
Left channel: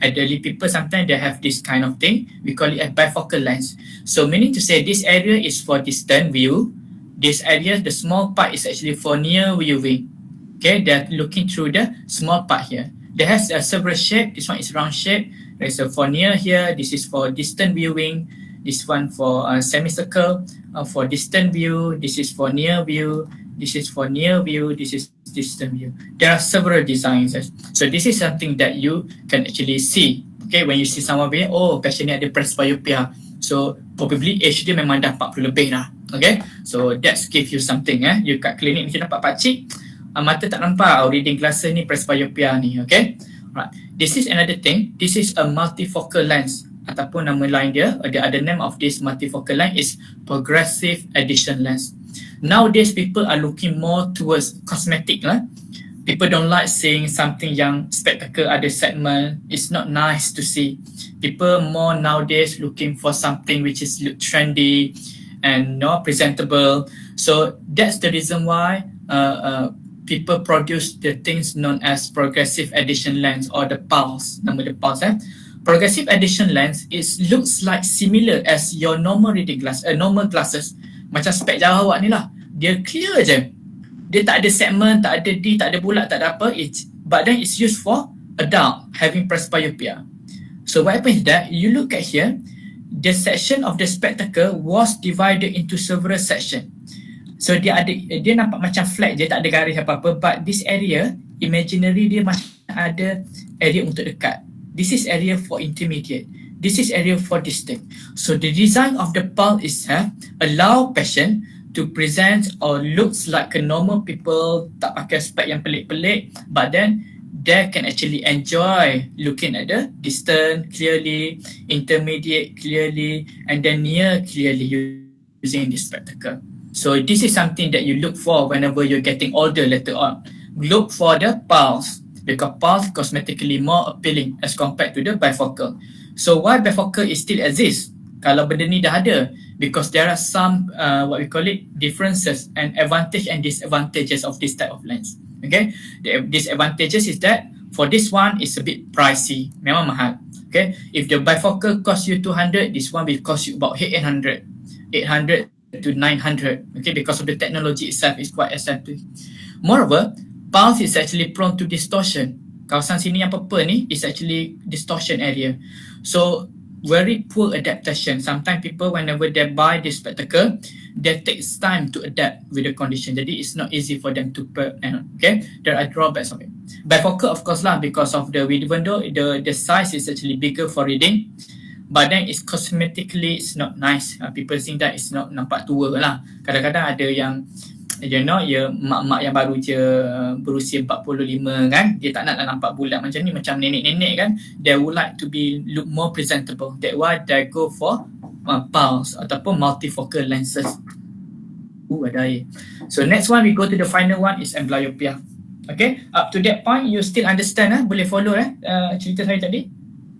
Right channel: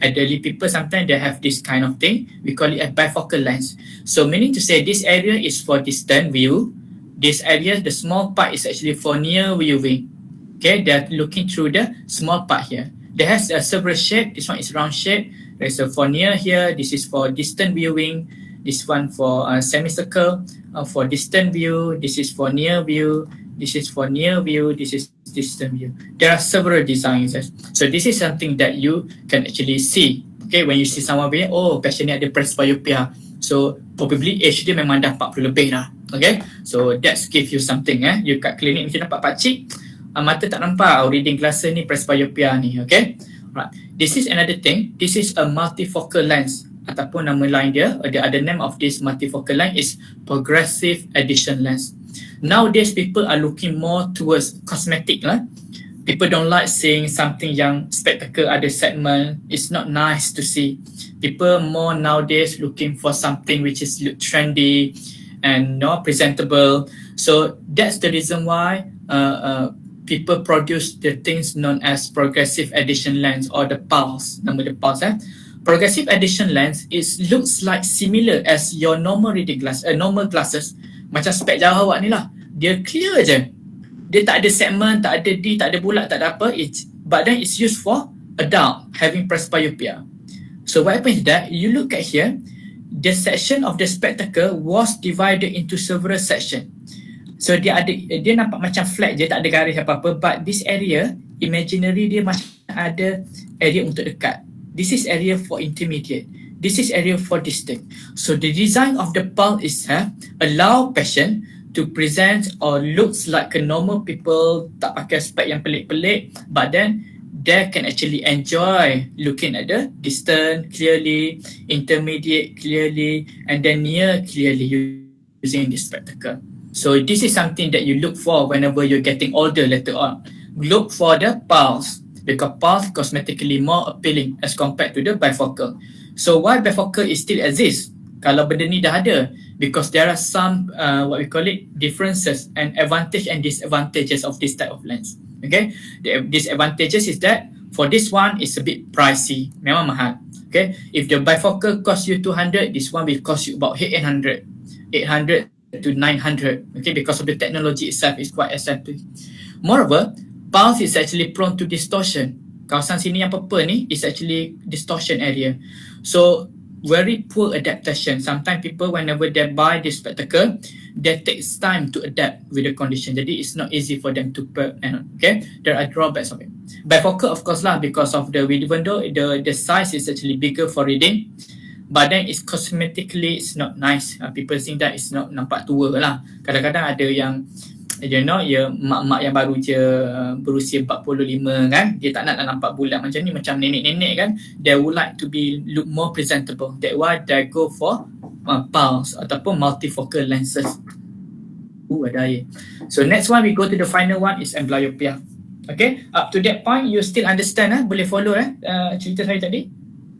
elderly people sometimes they have this kind of thing. We call it a bifocal lens. So meaning to say, this area is for distant view. This area, the small part is actually for near viewing. Okay, they're looking through the small part here. There has a several shape. This one is round shape. There's a for near here. This is for distant viewing. This one for semicircle. For distant view. This is for near view. This is for near view. This is distant view. There are several designs. So this is something that you can actually see. Okay, when you see someone being, oh, patient ni ada presbyopia. So probably age dia memang dah 40 lebih dah. Okay, so that's give you something. You kat klinik mesti nampak pakcik, mata tak nampak, reading glasses ni presbyopia ni. Okay, right. This is another thing. This is a multifocal lens ataupun nama lain dia. The other name of this multifocal lens is progressive addition lens. Nowadays people are looking more towards cosmetic lah. People don't like seeing something yang spectacle ada segment. It's not nice to see. People more nowadays looking for something which is look trendy and not presentable. So that's the reason why people produce the things known as progressive addition lens or the pulse. Nama the pulse. Progressive addition lens looks like similar as your normal reading glass, normal glasses. Macam spek jauh awak ni lah. Dia clear je. Dia tak ada segment, tak ada D, tak ada bulat, tak ada apa. But then it's used for adult having presbyopia. So what happens is that you look at here, the section of the spectacle was divided into several sections. So dia nampak macam flat je, tak ada garis apa-apa. But this area, imaginary dia macam ada area untuk dekat. This is area for intermediate. This is area for distant. So the design of the pulse is allow patient to present or looks like a normal people, tak pakai spek yang pelik-pelik, but then they can actually enjoy looking at the distant clearly, intermediate clearly, and then near clearly using this spectacle. So this is something that you look for whenever you're getting older later on. Look for the pulse, because pulse cosmetically more appealing as compared to the bifocal. So why bifocal is still exists? Kalau benda ni dah ada, because there are some what we call it differences and advantage and disadvantages of this type of lens. Okay, the disadvantages is that for this one it's a bit pricey, memang mahal. Okay, if the bifocal cost you 200, this one will cost you about 800 to 900. Okay, because of the technology itself is quite expensive. Moreover, pulse is actually prone to distortion. Kawasan sini yang purple ni is actually distortion area. So very poor adaptation. Sometimes people whenever they buy this spectacle, they takes time to adapt with the condition. Jadi it's not easy for them to okay. There are drawbacks of it. Bifocal of course lah, because of even though the size is actually bigger for reading, but then it's cosmetically it's not nice. People think that it's not nampak tua lah. Kadang-kadang ada yang mak-mak yang baru je berusia 45 kan, dia tak nak nampak bulat macam ni, macam nenek-nenek kan, they would like to look more presentable. That's why they go for pulse ataupun multifocal lenses. Ada air. So next one we go to the final one is amblyopia. Okay, up to that point you still understand boleh follow cerita saya tadi?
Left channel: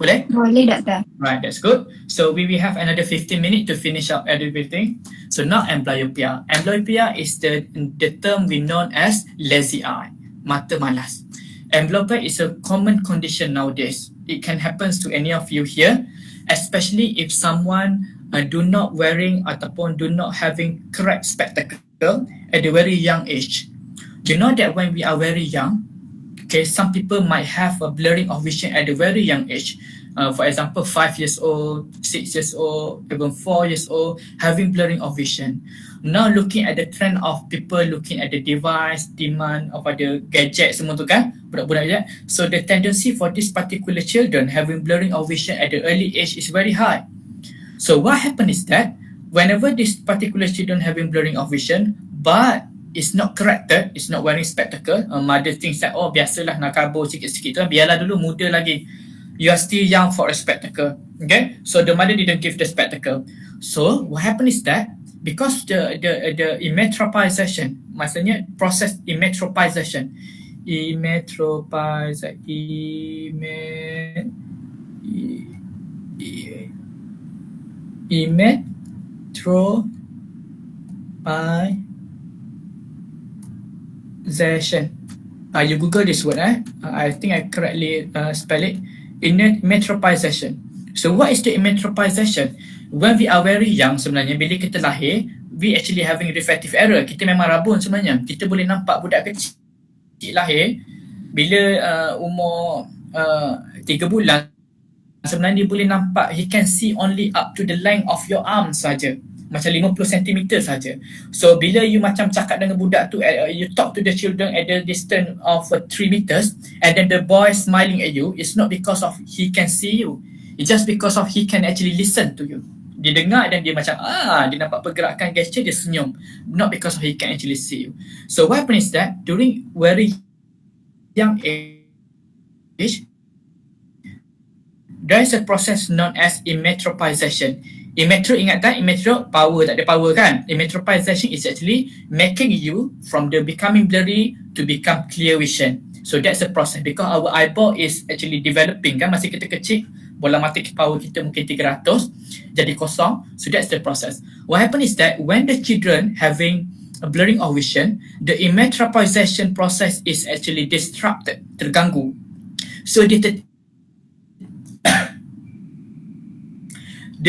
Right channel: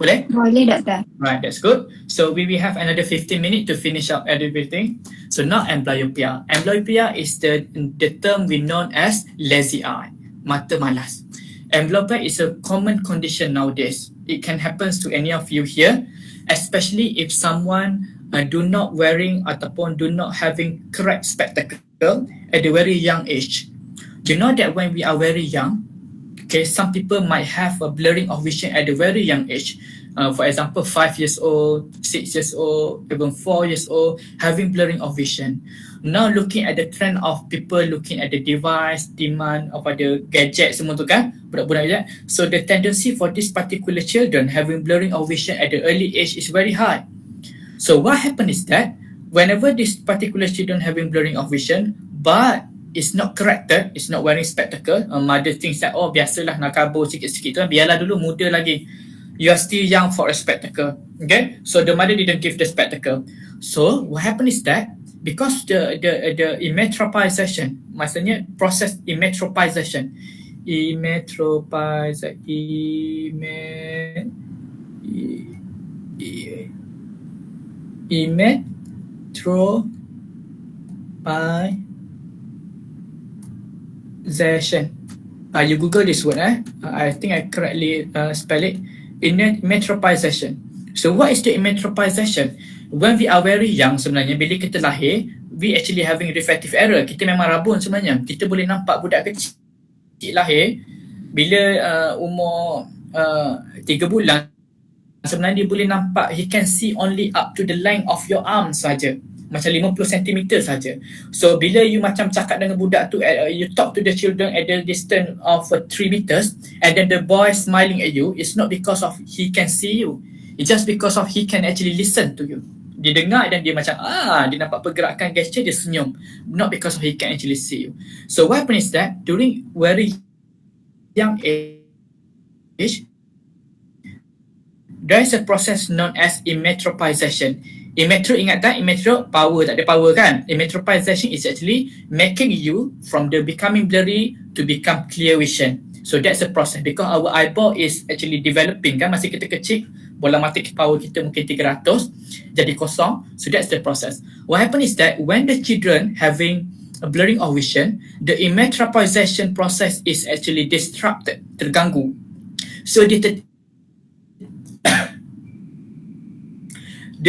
Boleh? Boleh, Doktor. Right, that's good. So we will have another 15 minutes to finish up everything. So now amblyopia. Amblyopia is the term we know as lazy eye, mata malas. Amblyopia is a common condition nowadays. It can happen to any of you here, especially if someone do not wearing ataupun do not having correct spectacle at a very young age. You know that when we are very young, okay, some people might have a blurring of vision at a very young age. For example, 5 years old, 6 years old, even 4 years old, having blurring of vision. Now looking at the trend of people looking at the device, demand of the gadget semua tu kan, budak-budak je. So the tendency for this particular children having blurring of vision at the early age is very high. So what happens is that whenever this particular children having blurring of vision, but it's not corrected, it's not wearing spectacle, mother thinks that, oh biasalah nak kabur sikit-sikit tu, biarlah dulu muda lagi. You are still young for a spectacle. Okay, so the mother didn't give the spectacle. So what happened is that because the emmetropization, maksudnya proses emmetropization, emmetropization. You Google this word. I think I correctly spell it. Emmetropization. So what is the emmetropization? When we are very young sebenarnya, bila kita lahir, we actually having refractive error. Kita memang rabun sebenarnya. Kita boleh nampak budak kecil lahir, bila umur 3 bulan, sebenarnya dia boleh nampak, he can see only up to the length of your arm saja. Macam 50 cm saja. So bila you macam cakap dengan budak tu, you talk to the children at the distance of 3 meters, and then the boy smiling at you, it's not because of he can see you, it's just because of he can actually listen to you. Dia dengar dan dia macam dia nampak pergerakan gesture, dia senyum, not because of he can actually see you. So what happens is that during very young age, there is a process known as emmetropization. Ingat tak? Power, tak ada power kan? Emmetropization is actually making you from the becoming blurry to become clear vision. So that's the process, because our eyeball is actually developing kan, masa kita kecil, bola mata power kita mungkin 300 jadi kosong. So that's the process. What happens is that when the children having a blurring of vision, the emmetropization process is actually disrupted, terganggu. So dia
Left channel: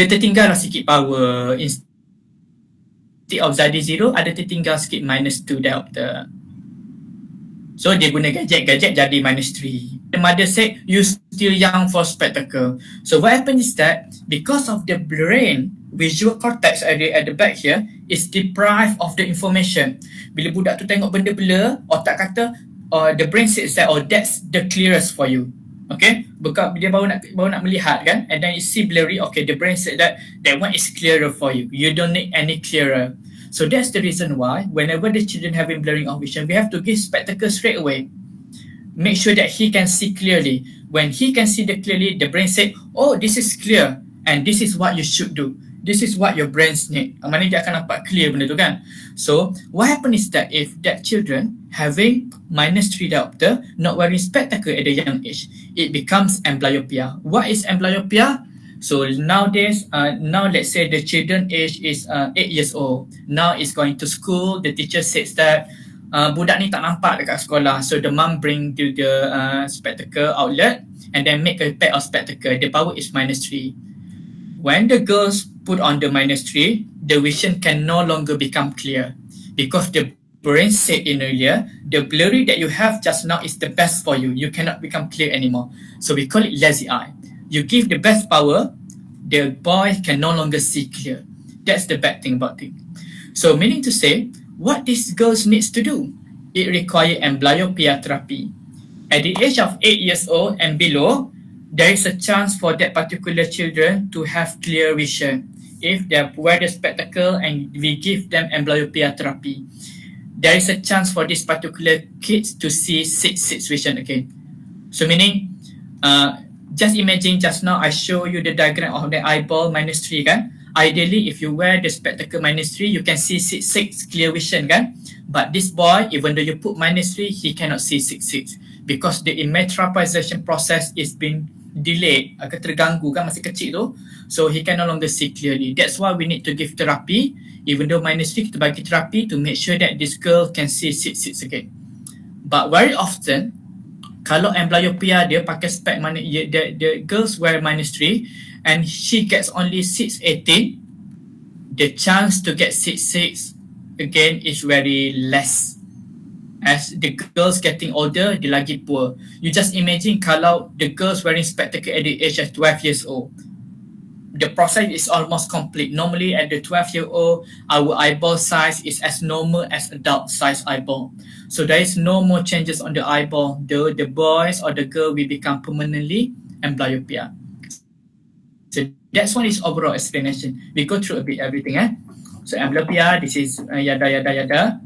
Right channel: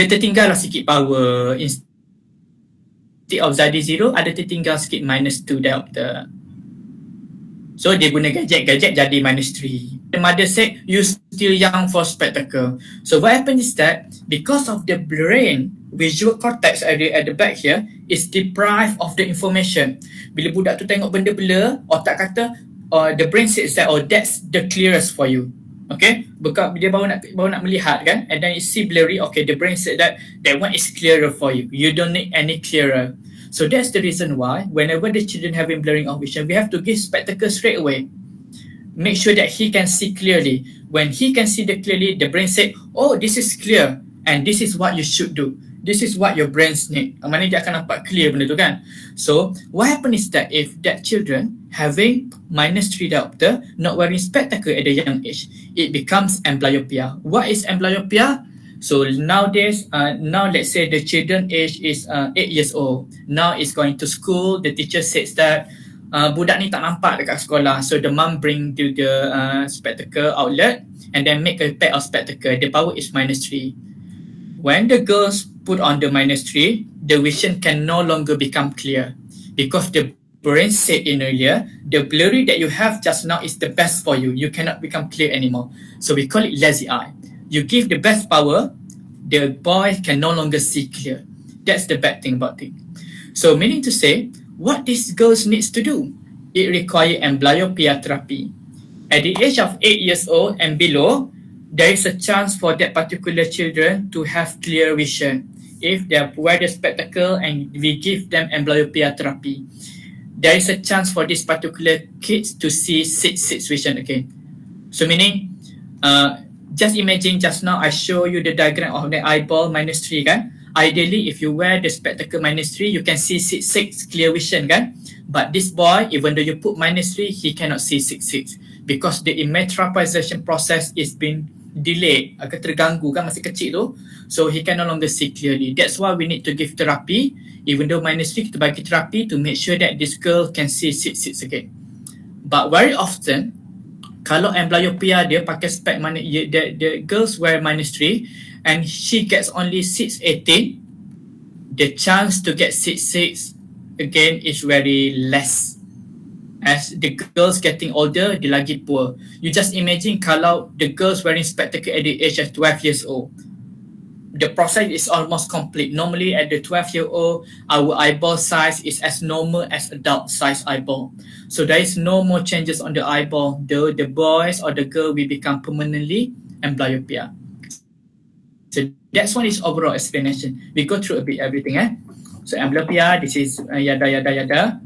tertinggal lah sikit power. Instead of Zadi 0, ada tertinggal sikit -2 diopter. So dia guna gadget jadi -3. The mother said, you still young for spectacle. So what happens is that because of the brain, visual cortex area at the back here is deprived of the information. Bila budak tu tengok benda blur, otak kata, the brain says that, that's the clearest for you. Okay, because dia baru nak melihat kan, and then you see blurry, okay, the brain said that one is clearer for you, you don't need any clearer. So that's the reason why whenever the children having blurring of vision, we have to give spectacles straight away. Make sure that he can see clearly. When he can see clearly, the brain said, this is clear and this is what you should do. This is what your brains need. Maknanya dia akan nampak clear benda tu kan. So what happens is that if that children having -3 diopter, not wearing spectacle at a young age, it becomes amblyopia. What is amblyopia? So nowadays, now let's say the children age is 8 years old. Now is going to school. The teacher says that budak ni tak nampak dekat sekolah. So the mom bring to the spectacle outlet and then make a pair of spectacle. The power is -3. When the girls put on the -3, the vision can no longer become clear because the brain said in earlier, the blurry that you have just now is the best for you. You cannot become clear anymore. So we call it lazy eye. You give the best power, the boy can no longer see clear. That's the bad thing about it. So meaning to say, what these girls needs to do? It requires amblyopia therapy. At the age of 8 years old and below, there is a chance for that particular children to have clear vision if they wear the spectacle and we give them amblyopia therapy. There is a chance for this particular kids to see 6/6 vision again. So meaning, just imagine just now I show you the diagram of the eyeball -3 kan. Ideally, if you wear the spectacle -3, you can see 6/6 clear vision kan. But this boy, even though you put -3, he cannot see 6/6 because the emmetropization process is being delayed, akan terganggu kan masih kecil tu. So he can no longer see clearly. That's why we need to give therapy. Even though -3, kita bagi therapy to make sure that this girl can see 6/6 again. But very often, kalau amblyopia dia pakai spec the girls wear -3 and she gets only 6/18, the chance to get 6/6 again is very less. As the girls getting older, dia lagi poor. You just imagine kalau the girls wearing spectacle at the age of 12 years old. The process is almost complete. Normally at the 12-year-old, our eyeball size is as normal as adult size eyeball. So there is no more changes on the eyeball. The boys or the girl will become permanently amblyopia. So that's one is overall explanation. We go through a bit everything. So amblyopia, this is yada.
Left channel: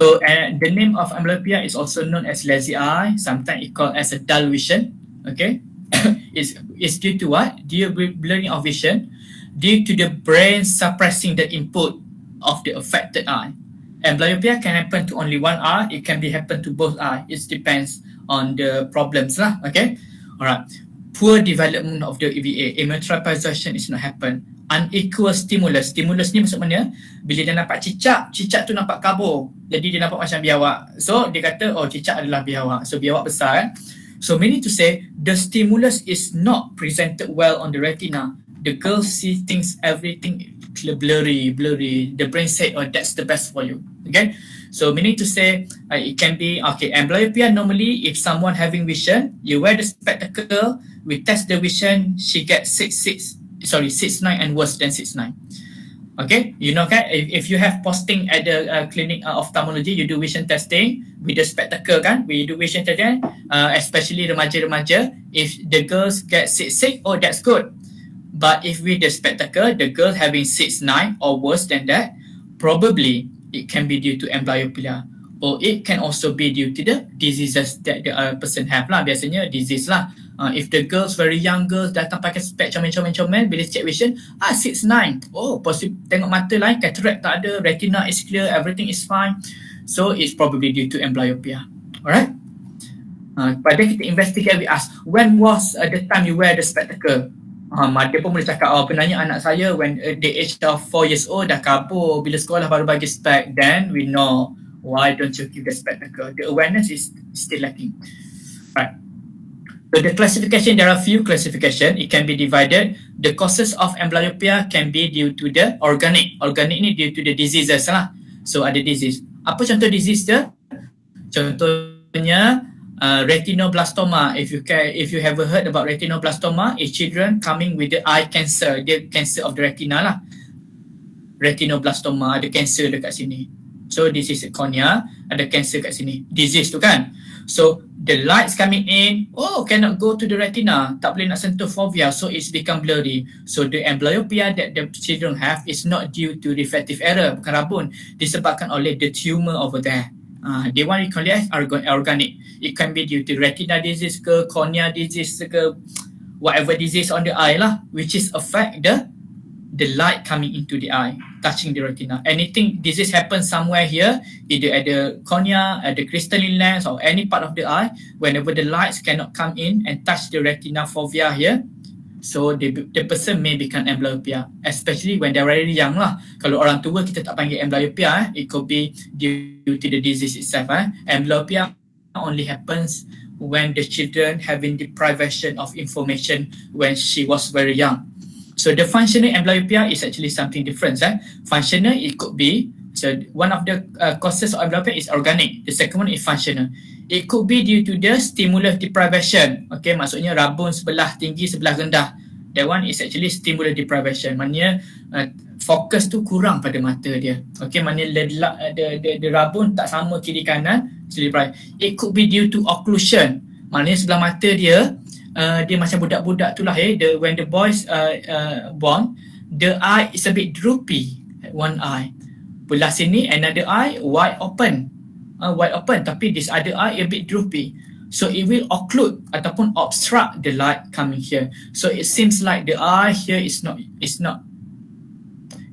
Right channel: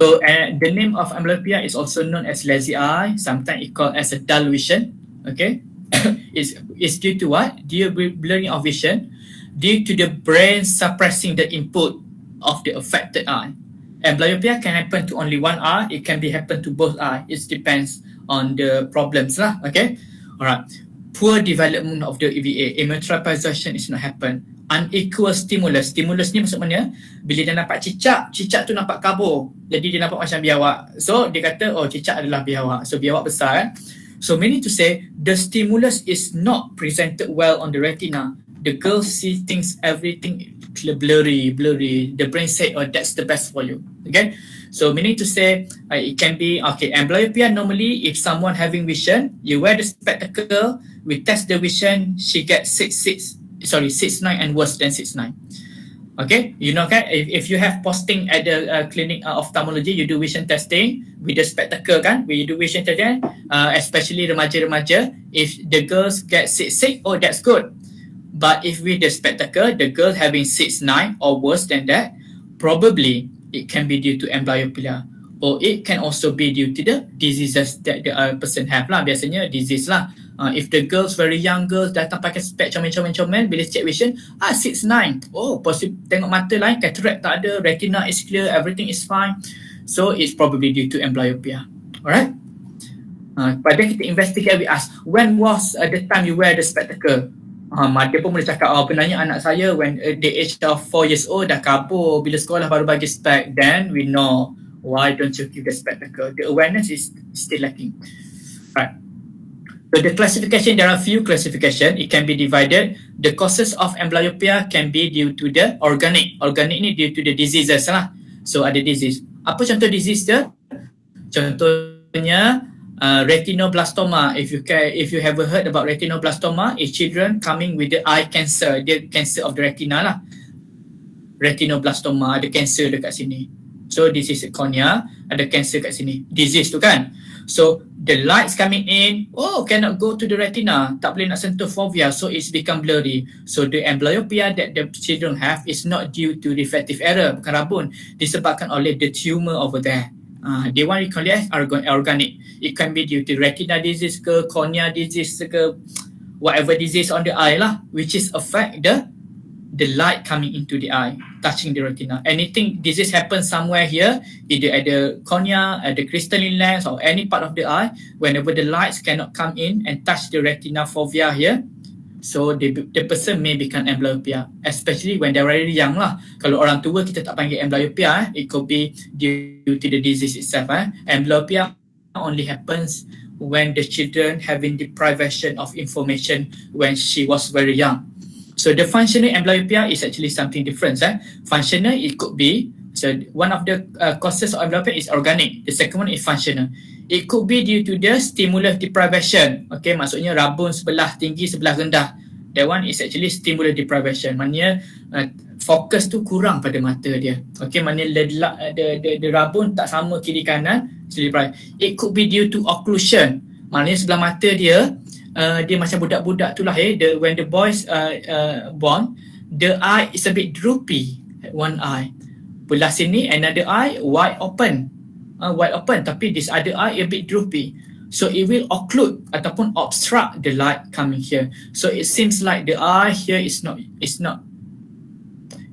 So the name of amblyopia is also known as lazy eye. Sometimes it called as a dull vision. Okay, it's due to what? Due to blurring of vision, due to the brain suppressing the input. of the affected eye. Amblyopia can happen to only one eye. It can be happen to both eye. It depends on the problems lah. Okay. Alright. Poor development of the EVA. Emmetropisation is not happen. Unequal stimulus. Stimulus ni maksud mana? Bila dia nampak cicak, cicak tu nampak kabur. Jadi dia nampak macam biawak. So dia kata, oh cicak adalah biawak. So biawak besar kan. So meaning to say, the stimulus is not presented well on the retina. The girl see things, everything blurry. The brain said, oh, that's the best for you. Okay. So meaning to say, it can be, okay, amblyopia normally, if someone having vision, you wear the spectacle, we test the vision, she gets 6.9 and worse than 6.9. Okay, you know, kan, if you have posting at the clinic ophthalmology, you do vision testing with the spectacle kan, we do vision testing, especially remaja-remaja, if the girls get 6.6, oh that's good. But if with the spectacle, the girl having 6.9 or worse than that, probably it can be due to amblyopia, or it can also be due to the diseases that the person have lah. Biasanya disease lah. If the girls very young girls datang pakai spek comel-comel, bila check vision, 6.9. Oh, positif, tengok mata lain, cataract tak ada, retina is clear, everything is fine. So it's probably due to amblyopia. Alright? Pada kita investigate, we ask, when was the time you wear the spectacle? Dia pun boleh cakap, benarnya anak saya when the age of 4 years old dah kabur, bila sekolah baru bagi spec. Then we know, why don't you give the spectacle? The awareness is still lacking. Right. So the classification, there are few classification. It can be divided. The causes of amblyopia can be due to the organic. Organic ni due to the diseases lah. So ada disease. Apa contoh disease dia? Contohnya retinoblastoma. If you have heard about retinoblastoma, it's children coming with the eye cancer. The cancer of the retina lah. Retinoblastoma, ada cancer dekat sini. So this is a cornea, ada cancer kat sini. Disease tu kan. So the lights coming in, cannot go to the retina, tak boleh nak sentuh fovea, so it's become blurry. So the amblyopia that the children have is not due to refractive error, bukan rabun, disebabkan oleh the tumor over there. They want to call it organic. It can be due to retina disease ke, cornea disease ke, whatever disease on the eye lah, which is affect the light coming into the eye, touching the retina. Anything disease happens somewhere here, either at the cornea, at the crystalline lens, or any part of the eye, whenever the lights cannot come in and touch the retina fovea here, so the person may become amblyopia, especially when they're very young lah. Kalau orang tua kita tak panggil amblyopia, it could be due to the disease itself. Amblyopia only happens when the children having deprivation of information when she was very young. So the functional amblyopia is actually something different. Functional, it could be, so one of the causes of amblyopia is organic. The second one is functional. It could be due to the stimulus deprivation. Okay, maksudnya rabun sebelah tinggi, sebelah rendah. That one is actually stimulus deprivation. Maknanya fokus tu kurang pada mata dia. Okay, maknanya the rabun tak sama kiri kanan. It could be due to occlusion. Maknanya sebelah mata dia, dia macam budak-budak tu lah. When the boys born, the eye is a bit droopy. One eye. Belah sini, another eye wide open. Tapi this other eye a bit droopy. So it will occlude ataupun obstruct the light coming here. So it seems like the eye here is not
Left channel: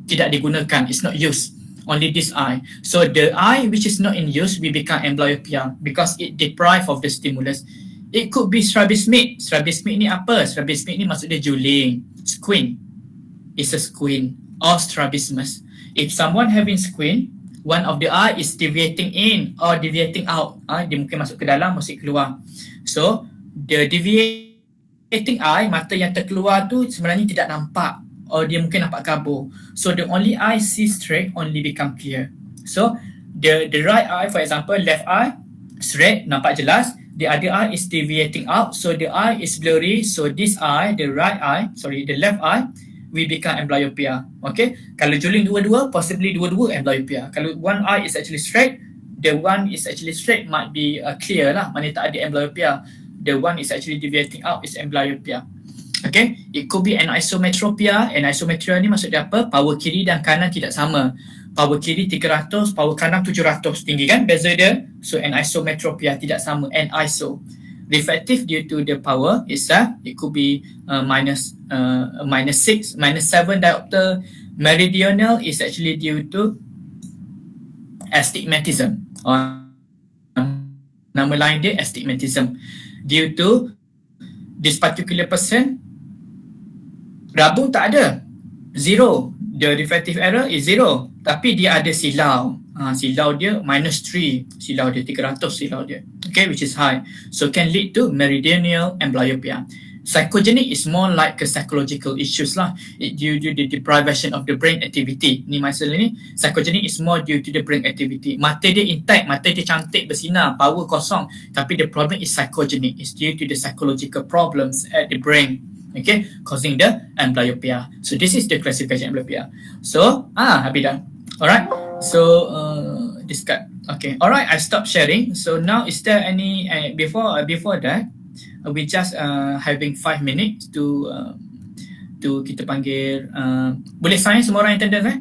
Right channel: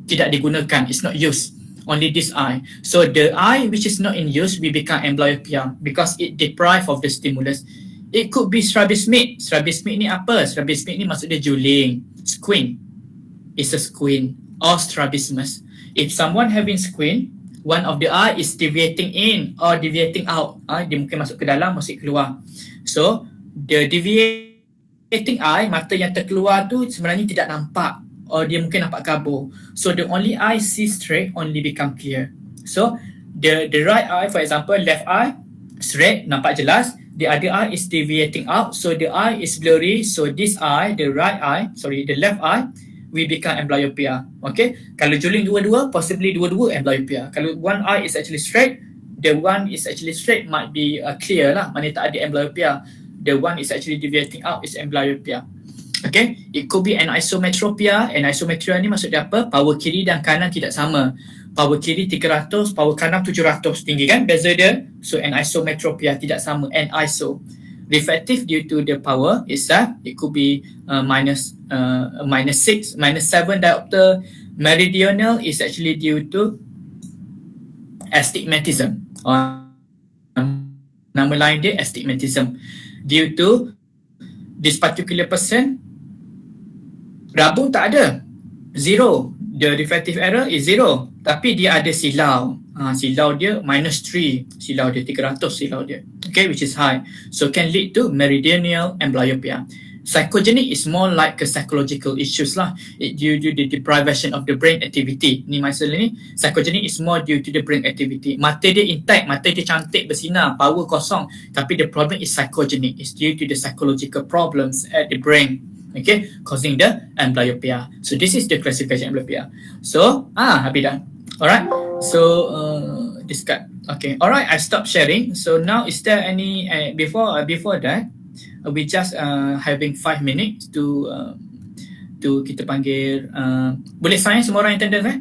tidak digunakan. It's not used. Only this eye. So the eye which is not in use will become amblyopia because it deprived of the stimulus. It could be strabismus. Strabismus ni apa? Strabismus ni maksud dia juling. Squint. It's a squint or strabismus. If someone having squint, one of the eye is deviating in or deviating out. Dia mungkin masuk ke dalam, masuk keluar. So, the deviating eye, mata yang terkeluar tu sebenarnya tidak nampak or dia mungkin nampak kabur. So, the only eye see straight only become clear. So, the right eye, for example, left eye, straight, nampak jelas. The other eye is deviating out, so the eye is blurry. So this eye, the left eye, will become amblyopia. Okay, kalau juling dua-dua, possibly dua-dua amblyopia. Kalau one eye is actually straight, the one is actually straight might be clear lah, maknanya tak ada amblyopia. The one is actually deviating out is amblyopia. Okay, it could be anisometropia. Anisometropia ni maksud dia apa? Power kiri dan kanan tidak sama. Power kiri 300, power kanan 700 tinggi kan beza dia. So anisometropia tidak sama. Aniso. Reflective due to the power itself, it could be minus 6, minus 7 diopter, Meridional is actually due to astigmatism. Nama lain dia astigmatism. Due to this particular person, rabung tak ada. Zero. The refractive error is zero. Tapi dia ada silau. Silau dia -3. Silau dia 300 silau dia. Okay, which is high. So can lead to meridional amblyopia. Psychogenic is more like a psychological issues lah. It due to the deprivation of the brain activity. Ni masalah ni. Psychogenic is more due to the brain activity. Mata dia intact, mata dia cantik bersinar, power kosong. Tapi the problem is psychogenic. It's due to the psychological problems at the brain. Okay, causing the amblyopia. So this is the classification amblyopia. So, habis dah. Alright. So, discard. Okay. Alright, I stop sharing. So now is there any, before that, we just having 5 minutes to kita panggil boleh sign semua orang attendance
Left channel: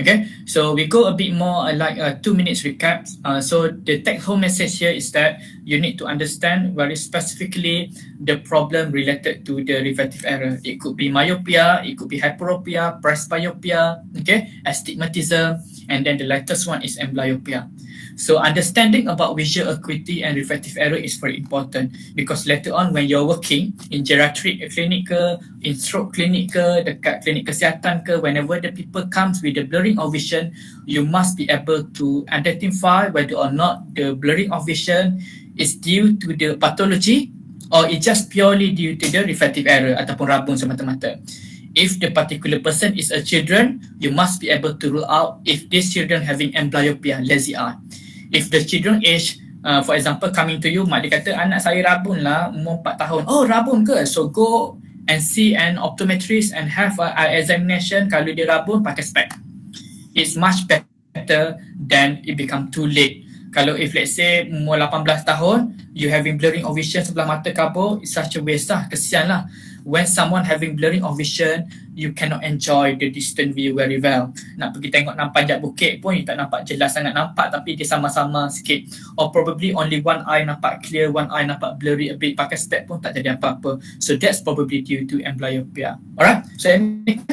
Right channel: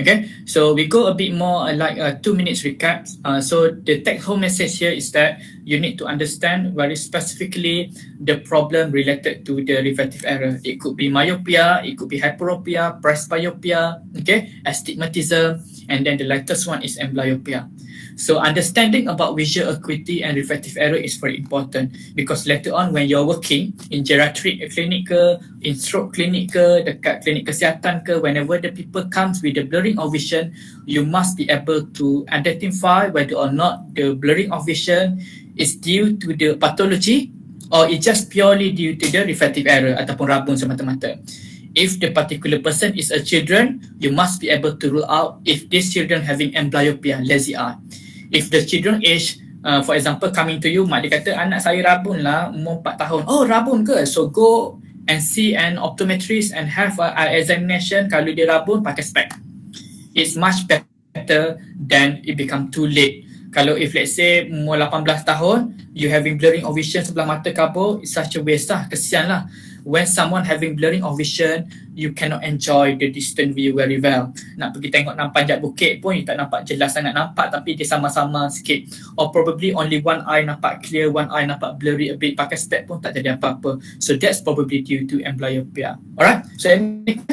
okay, so we go a bit more like 2 minutes recap. So the take home message here is that you need to understand very specifically the problem related to the refractive error. It could be myopia, it could be hyperopia, presbyopia, okay, astigmatism, and then the latest one is amblyopia. So understanding about visual acuity and refractive error is very important because later on when you're working in geriatric clinic ke, in stroke clinic ke, dekat klinik kesihatan ke, whenever the people comes with the blurring of vision, you must be able to identify whether or not the blurring of vision is due to the pathology or it's just purely due to the refractive error ataupun rabun semata-mata. If the particular person is a children, you must be able to rule out if this children having amblyopia, lazy eye. If the children age, for example, coming to you, mak dia kata, anak saya rabun lah, umur 4 tahun. Oh, rabun ke? So go and see an optometrist and have an examination. Kalau dia rabun, pakai spec. It's much better than it become too late. Kalau if let's say umur 18 tahun, you having blurring of vision sebelah mata kabur, it's such a waste lah, kesian lah. When someone having blurring of vision, you cannot enjoy the distant view very well. Nak pergi tengok panjat bukit pun, you tak nampak jelas sangat nampak, tapi dia sama-sama sikit. Or probably only one eye nampak clear, one eye nampak blurry a bit, pakai spec pun tak jadi apa-apa. So that's probably due to amblyopia. Alright, so any...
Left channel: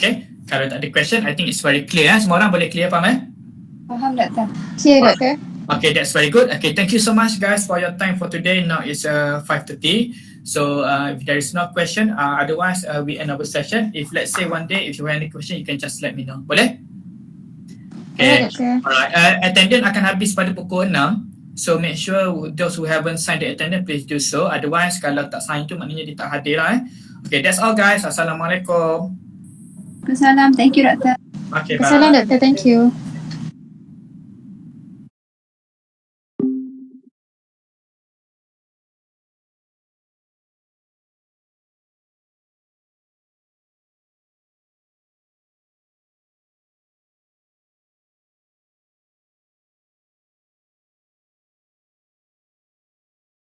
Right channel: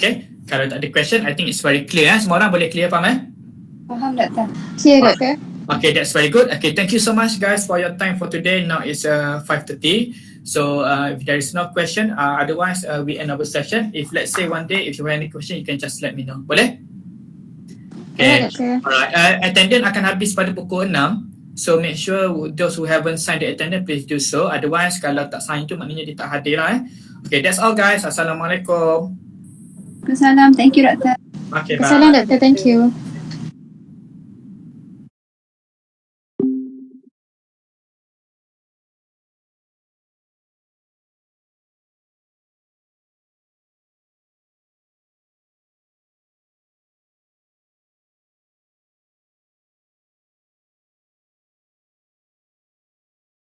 Okay, kalau tak ada question, I think it's very clear. Semua orang boleh clear, faham Faham, Doktor. Clear, Doktor. Okay, that's very good. Okay, thank you so much guys for your time for today. Now it's 5:30. So if there is no question, otherwise we end our session. If let's say one day, if you have any question, you can just let me know. Boleh? Okay. Alright. Attendance akan habis pada pukul 6. So make sure those who haven't signed the attendance, please do so. Otherwise, kalau tak sign tu maknanya dia tak hadir lah. Okay, that's all guys. Assalamualaikum. Assalamualaikum. Thank you, Doktor. Okay, bye. Assalamualaikum, Doktor. Thank you.